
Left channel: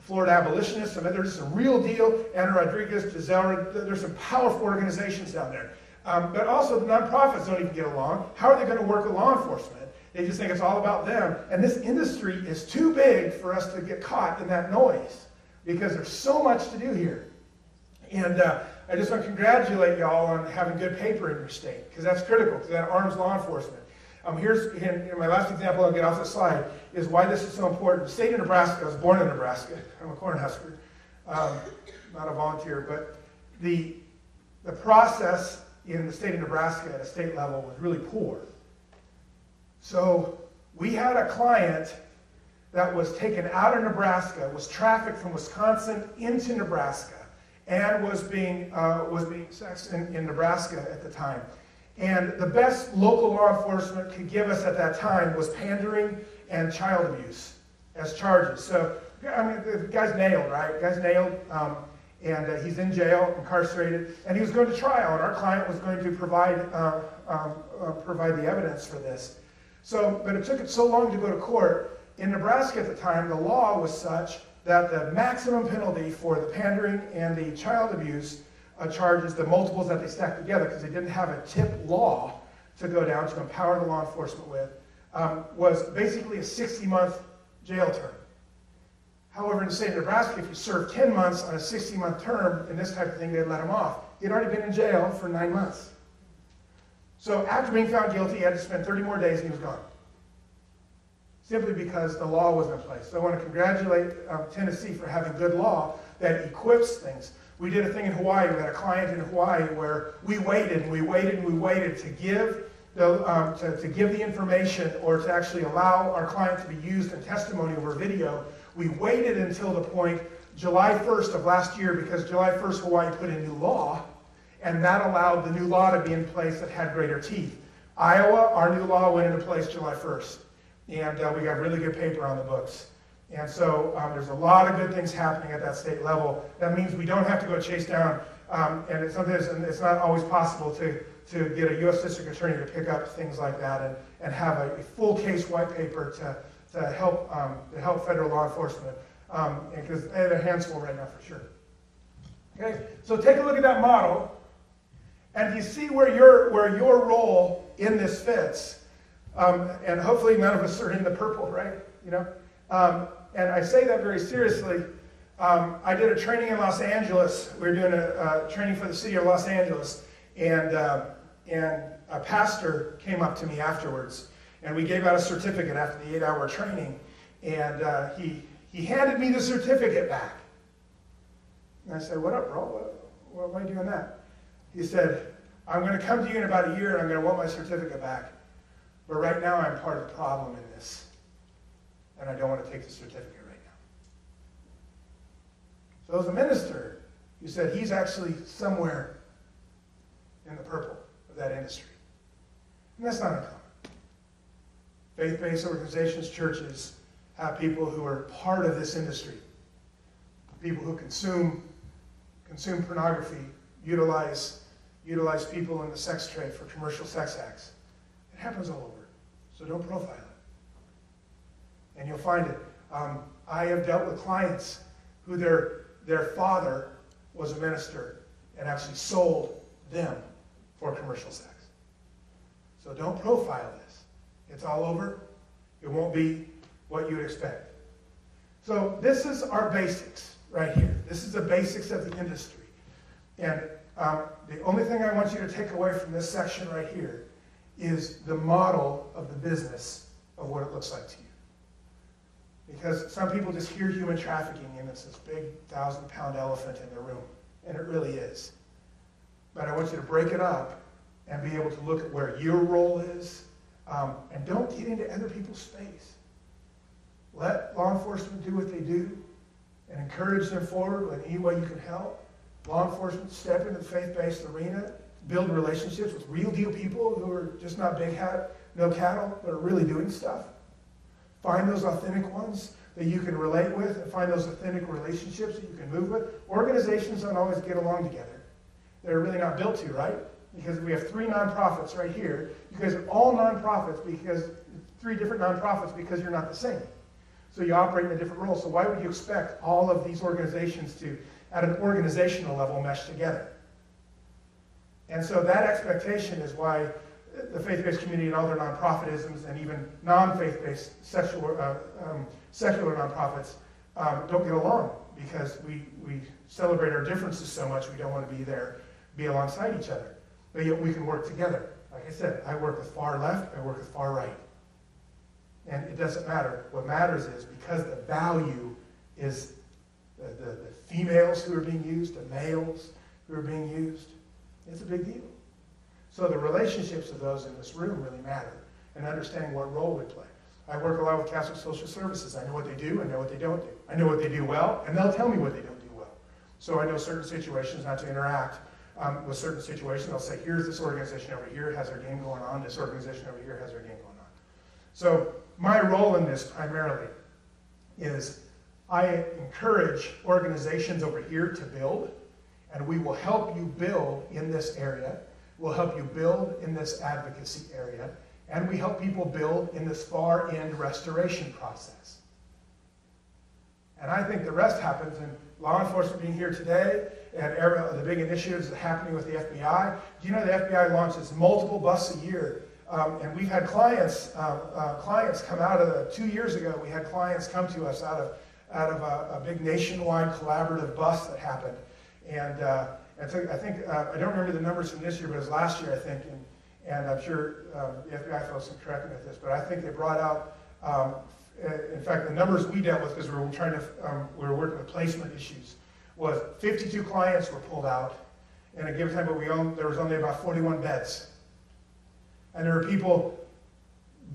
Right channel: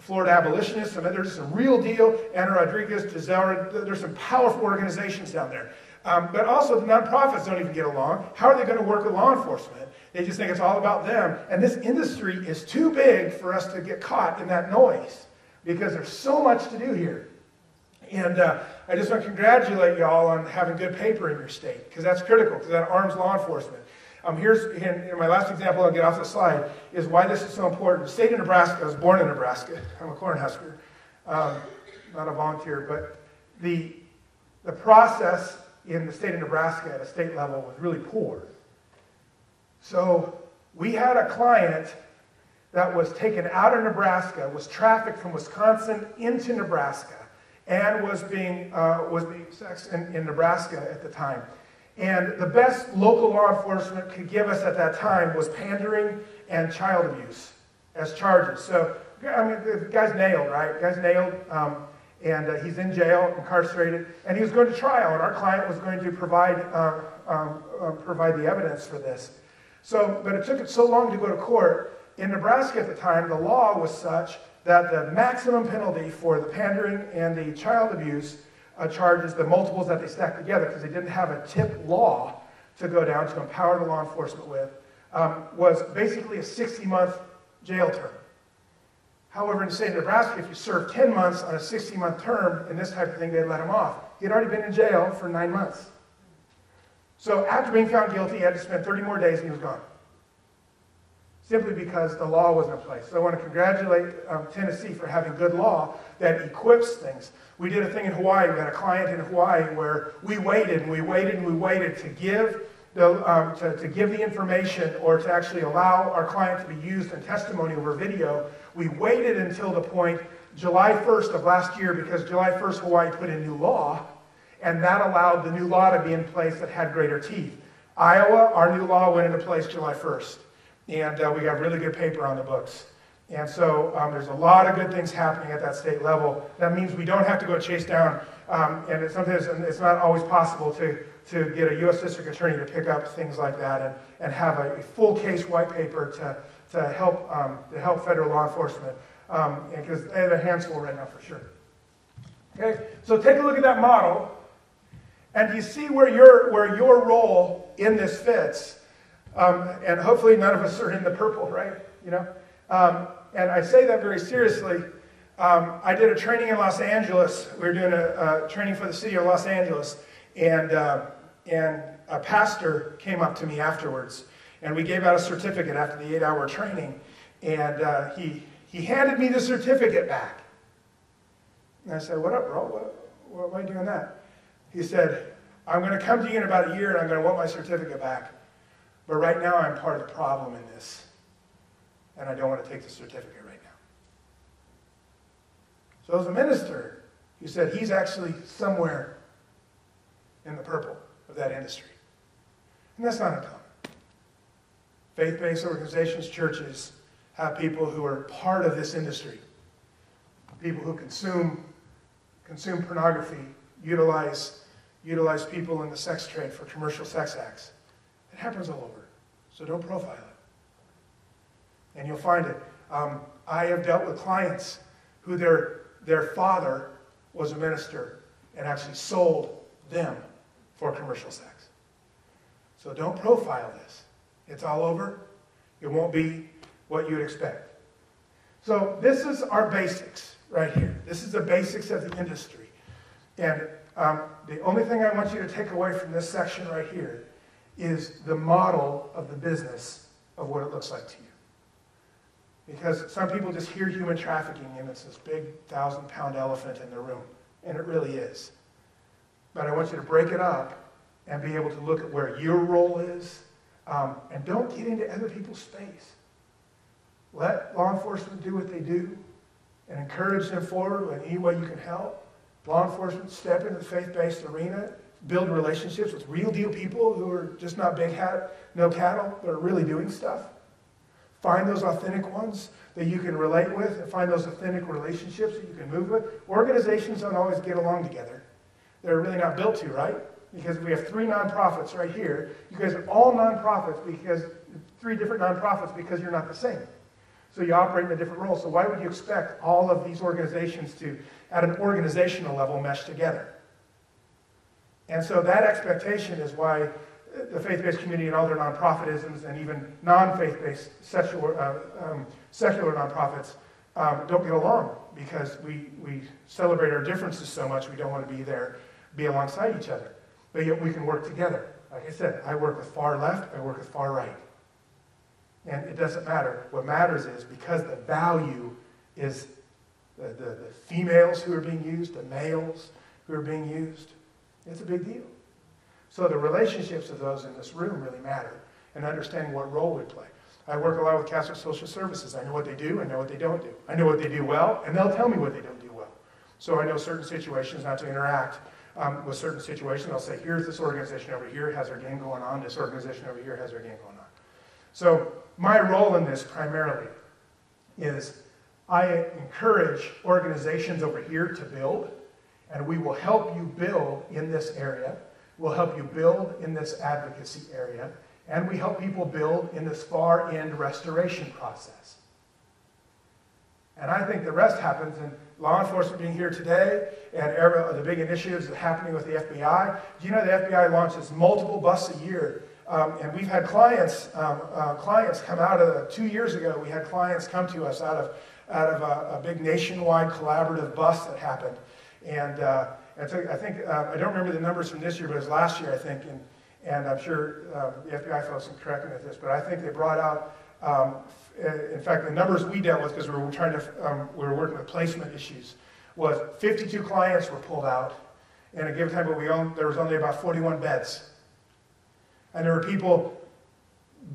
Florida Abolitionists, there's some real deal, Ana Rodriguez, Gisela, there's some powerful organizations down there. But also the nonprofits don't even get along. How are they going to work with law enforcement? They just think it's all about them. And this industry is too big for us to get caught in that noise because there's so much to do here. And I just want to congratulate y'all on having good paper in your state, because that's critical, because that arms law enforcement. Here's, in my last example, I'll get off the slide, is why this is so important. The state of Nebraska, I was born in Nebraska. I'm a Cornhusker, not a volunteer, but the process in the state of Nebraska at a state level was really poor. So we had a client that was taken out of Nebraska, was trafficked from Wisconsin into Nebraska, and was being sexed in Nebraska at the time. And the best local law enforcement could give us at that time was pandering and child abuse as charges. So, the guy's nailed, right? The guy's nailed, and he's in jail, incarcerated, and he was going to trial, and our client was going to provide the evidence for this. So, but it took it so long to go to court. In Nebraska at the time, the law was such that the maximum penalty for the pandering and the child abuse charges, the multiples that they stacked together, because they didn't have a tip law to go down to empower the law enforcement with, was basically a 60-month jail term. However, in the state of Nebraska, if you serve 10 months on a 60-month term in this type of thing, they'd let him off. He'd already been in jail for 9 months. So after being found guilty, he had to spend 30 more days and he was gone. Simply because the law wasn't in place. So I want to congratulate Tennessee for having good law that equips things. We did a thing in Hawaii. We had a client in Hawaii where we waited and we waited and we waited to give the information, or to actually allow our client to be used in testimony over video. We waited until the point July 1st of last year, because July 1st Hawaii put in new law, and that allowed the new law to be in place that had greater teeth. Iowa, our new law went into place July 1st. And we got really good paper on the books. And so there's a lot of good things happening at that state level. That means we don't have to go chase down, and sometimes it's not always possible to get a U.S. District Attorney to pick up things like that and have a full case white paper to help federal law enforcement, because they have their hands full right now for sure. Okay, so take a look at that model, and you see where your role in this fits. And hopefully none of us are in the purple, right? And I say that very seriously. I did a training in Los Angeles. We were doing a training for the city of Los Angeles, and a pastor came up to me afterwards, and we gave out a certificate after the 8-hour training, and he handed me the certificate back. And I said, "What up, bro? Why are you doing that?" He said, "I'm going to come to you in about a year, and I'm going to want my certificate back. But right now, I'm part of the problem in this, and I don't want to take the certificate right now." So as a minister, he said he's actually somewhere in the purple of that industry. And that's not uncommon. Faith-based organizations, churches, have people who are part of this industry. People who consume pornography, utilize people in the sex trade for commercial sex acts. It happens all over. So don't profile it. And you'll find it. I have dealt with clients who their father was a minister and actually sold them for commercial sex. So don't profile this. It's all over. It won't be what you would expect. So this is our basics right here. This is the basics of the industry. And the only thing I want you to take away from this section right here is the model of the business of what it looks like to you. Because some people just hear human trafficking and it's this big 1,000-pound elephant in the room. And it really is. But I want you to break it up and be able to look at where your role is. And don't get into other people's space. Let law enforcement do what they do and encourage them forward in any way you can help. Law enforcement step into the faith-based arena, build relationships with real deal people who are just not big hat, no cattle, but are really doing stuff. Find those authentic ones that you can relate with and find those authentic relationships that you can move with. Organizations don't always get along together. They're really not built to, right? Because we have 3 nonprofits right here. You guys are all nonprofits because 3 different nonprofits because you're not the same. So you operate in a different role. So why would you expect all of these organizations to, at an organizational level, mesh together? And so that expectation is why the faith-based community and all their nonprofitisms and even non-faith-based secular nonprofits don't get along because we celebrate our differences so much we don't want to be alongside each other. But yet we can work together. Like I said, I work with far left, I work with far right. And it doesn't matter. What matters is because the value is the females who are being used, the males who are being used, it's a big deal. So the relationships of those in this room really matter and understanding what role we play. I work a lot with Catholic Social Services. I know what they do, I know what they don't do. I know what they do well, and they'll tell me what they don't do well. So I know certain situations not to interact with certain situations. They'll say, here's this organization over here has their game going on, this organization over here has their game going on. So my role in this primarily is I encourage organizations over here to build, and we will help you build in this area. We'll help you build in this advocacy area, and we help people build in this far-end restoration process. And I think the rest happens in law enforcement being here today and the big initiatives that are happening with the FBI. Do you know the FBI launches multiple busts a year? And we've had clients come out of 2 years ago. We had clients come to us out of a big nationwide collaborative bust that happened. And I think I don't remember the numbers from this year, but it was last year, I think. And I'm sure the FBI folks can correct me with this, but I think they brought out. In fact, the numbers we dealt with, because we were working with placement issues, was 52 clients were pulled out. And at a given time, there was only about 41 beds. And there were people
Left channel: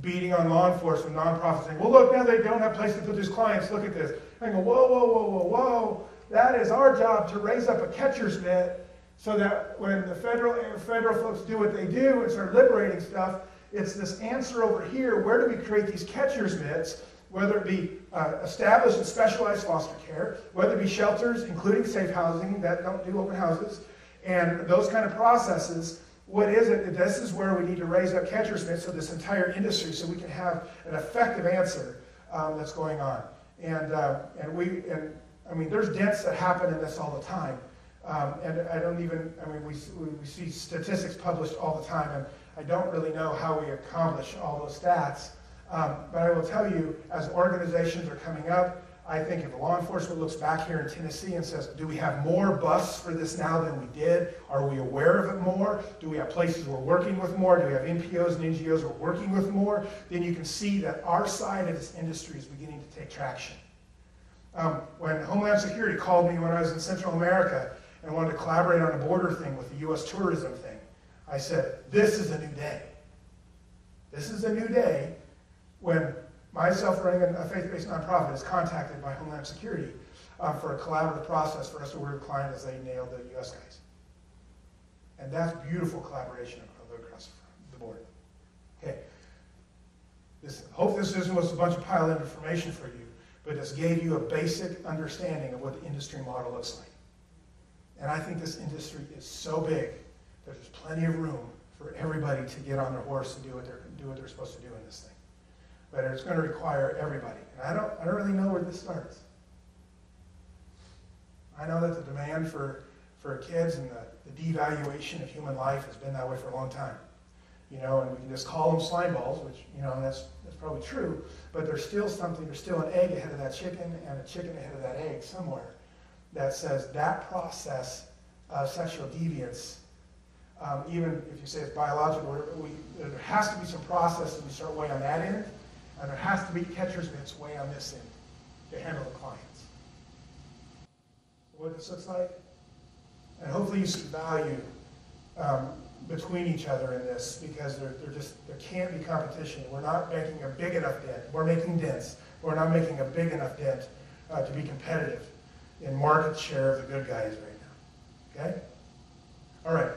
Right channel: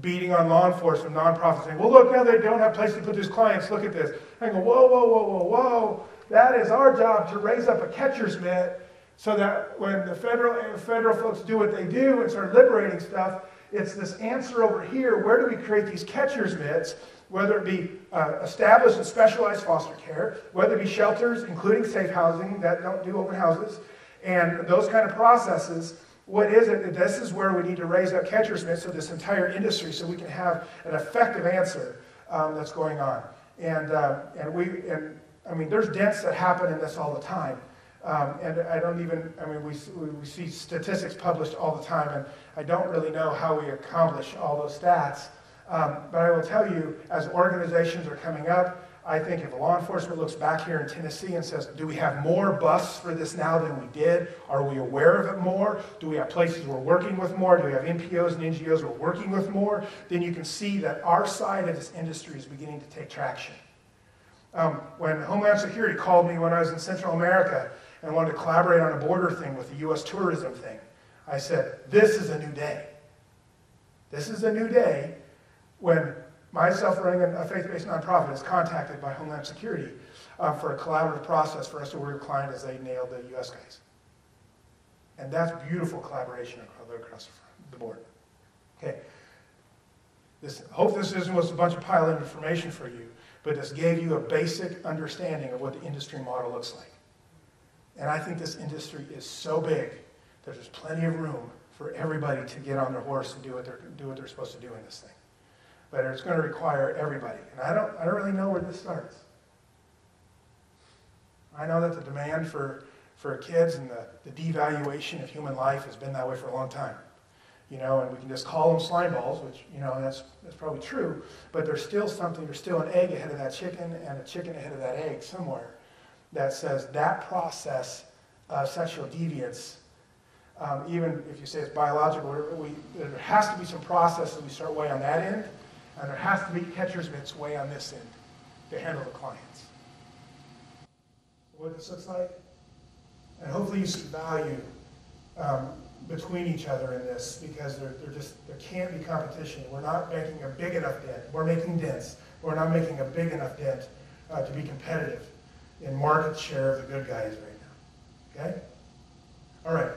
beating on law enforcement, nonprofits, saying, well, look, now they don't have places to put these clients. Look at this. And I go, whoa, whoa, whoa, whoa, whoa. That is our job to raise up a catcher's mitt so that when the federal folks do what they do and start liberating stuff, it's this answer over here. Where do we create these catcher's mitts, whether it be established and specialized foster care, whether it be shelters, including safe housing that don't do open houses, and those kind of processes. What is it? This is where we need to raise up catcher's mitts of this entire industry so we can have an effective answer that's going on. And I mean, there's deaths that happen in this all the time. We see statistics published all the time, and I don't really know how we accomplish all those stats. But I will tell you, as organizations are coming up, I think if law enforcement looks back here in Tennessee and says, do we have more busts for this now than we did? Are we aware of it more? Do we have places we're working with more? Do we have NPOs and NGOs we're working with more? Then you can see that our side of this industry is beginning to take traction. When Homeland Security called me when I was in Central America and wanted to collaborate on a border thing with the U.S. tourism thing, I said, this is a new day. This is a new day when myself running a faith-based nonprofit is contacted by Homeland Security for a collaborative process for us to work with clients as they nail the U.S. guys. And that's beautiful collaboration across the board. Okay. Hope this isn't a bunch of pile-in information for you, but this gave you a basic understanding of what the industry model looks like. And I think this industry is so big that there's plenty of room for everybody to get on their horse and do what they're supposed to do in this thing. But it's going to require everybody. And I don't really know where this starts. I know that the demand for kids and the devaluation of human life has been that way for a long time. you know, and we can just call them slime balls, which, you know, that's probably true, but there's still something, there's still an egg ahead of that chicken and a chicken ahead of that egg somewhere that says that process of sexual deviance, even if you say it's biological, there has to be some process that we start way on that end, and there has to be catcher's mitts way on this end to handle the clients. What this looks like? And hopefully you see value between each other in this, because there can't be competition. We're not making a big enough dent. We're making dents. We're not making a big enough dent to be competitive in market share of the good guys right now. Okay? All right.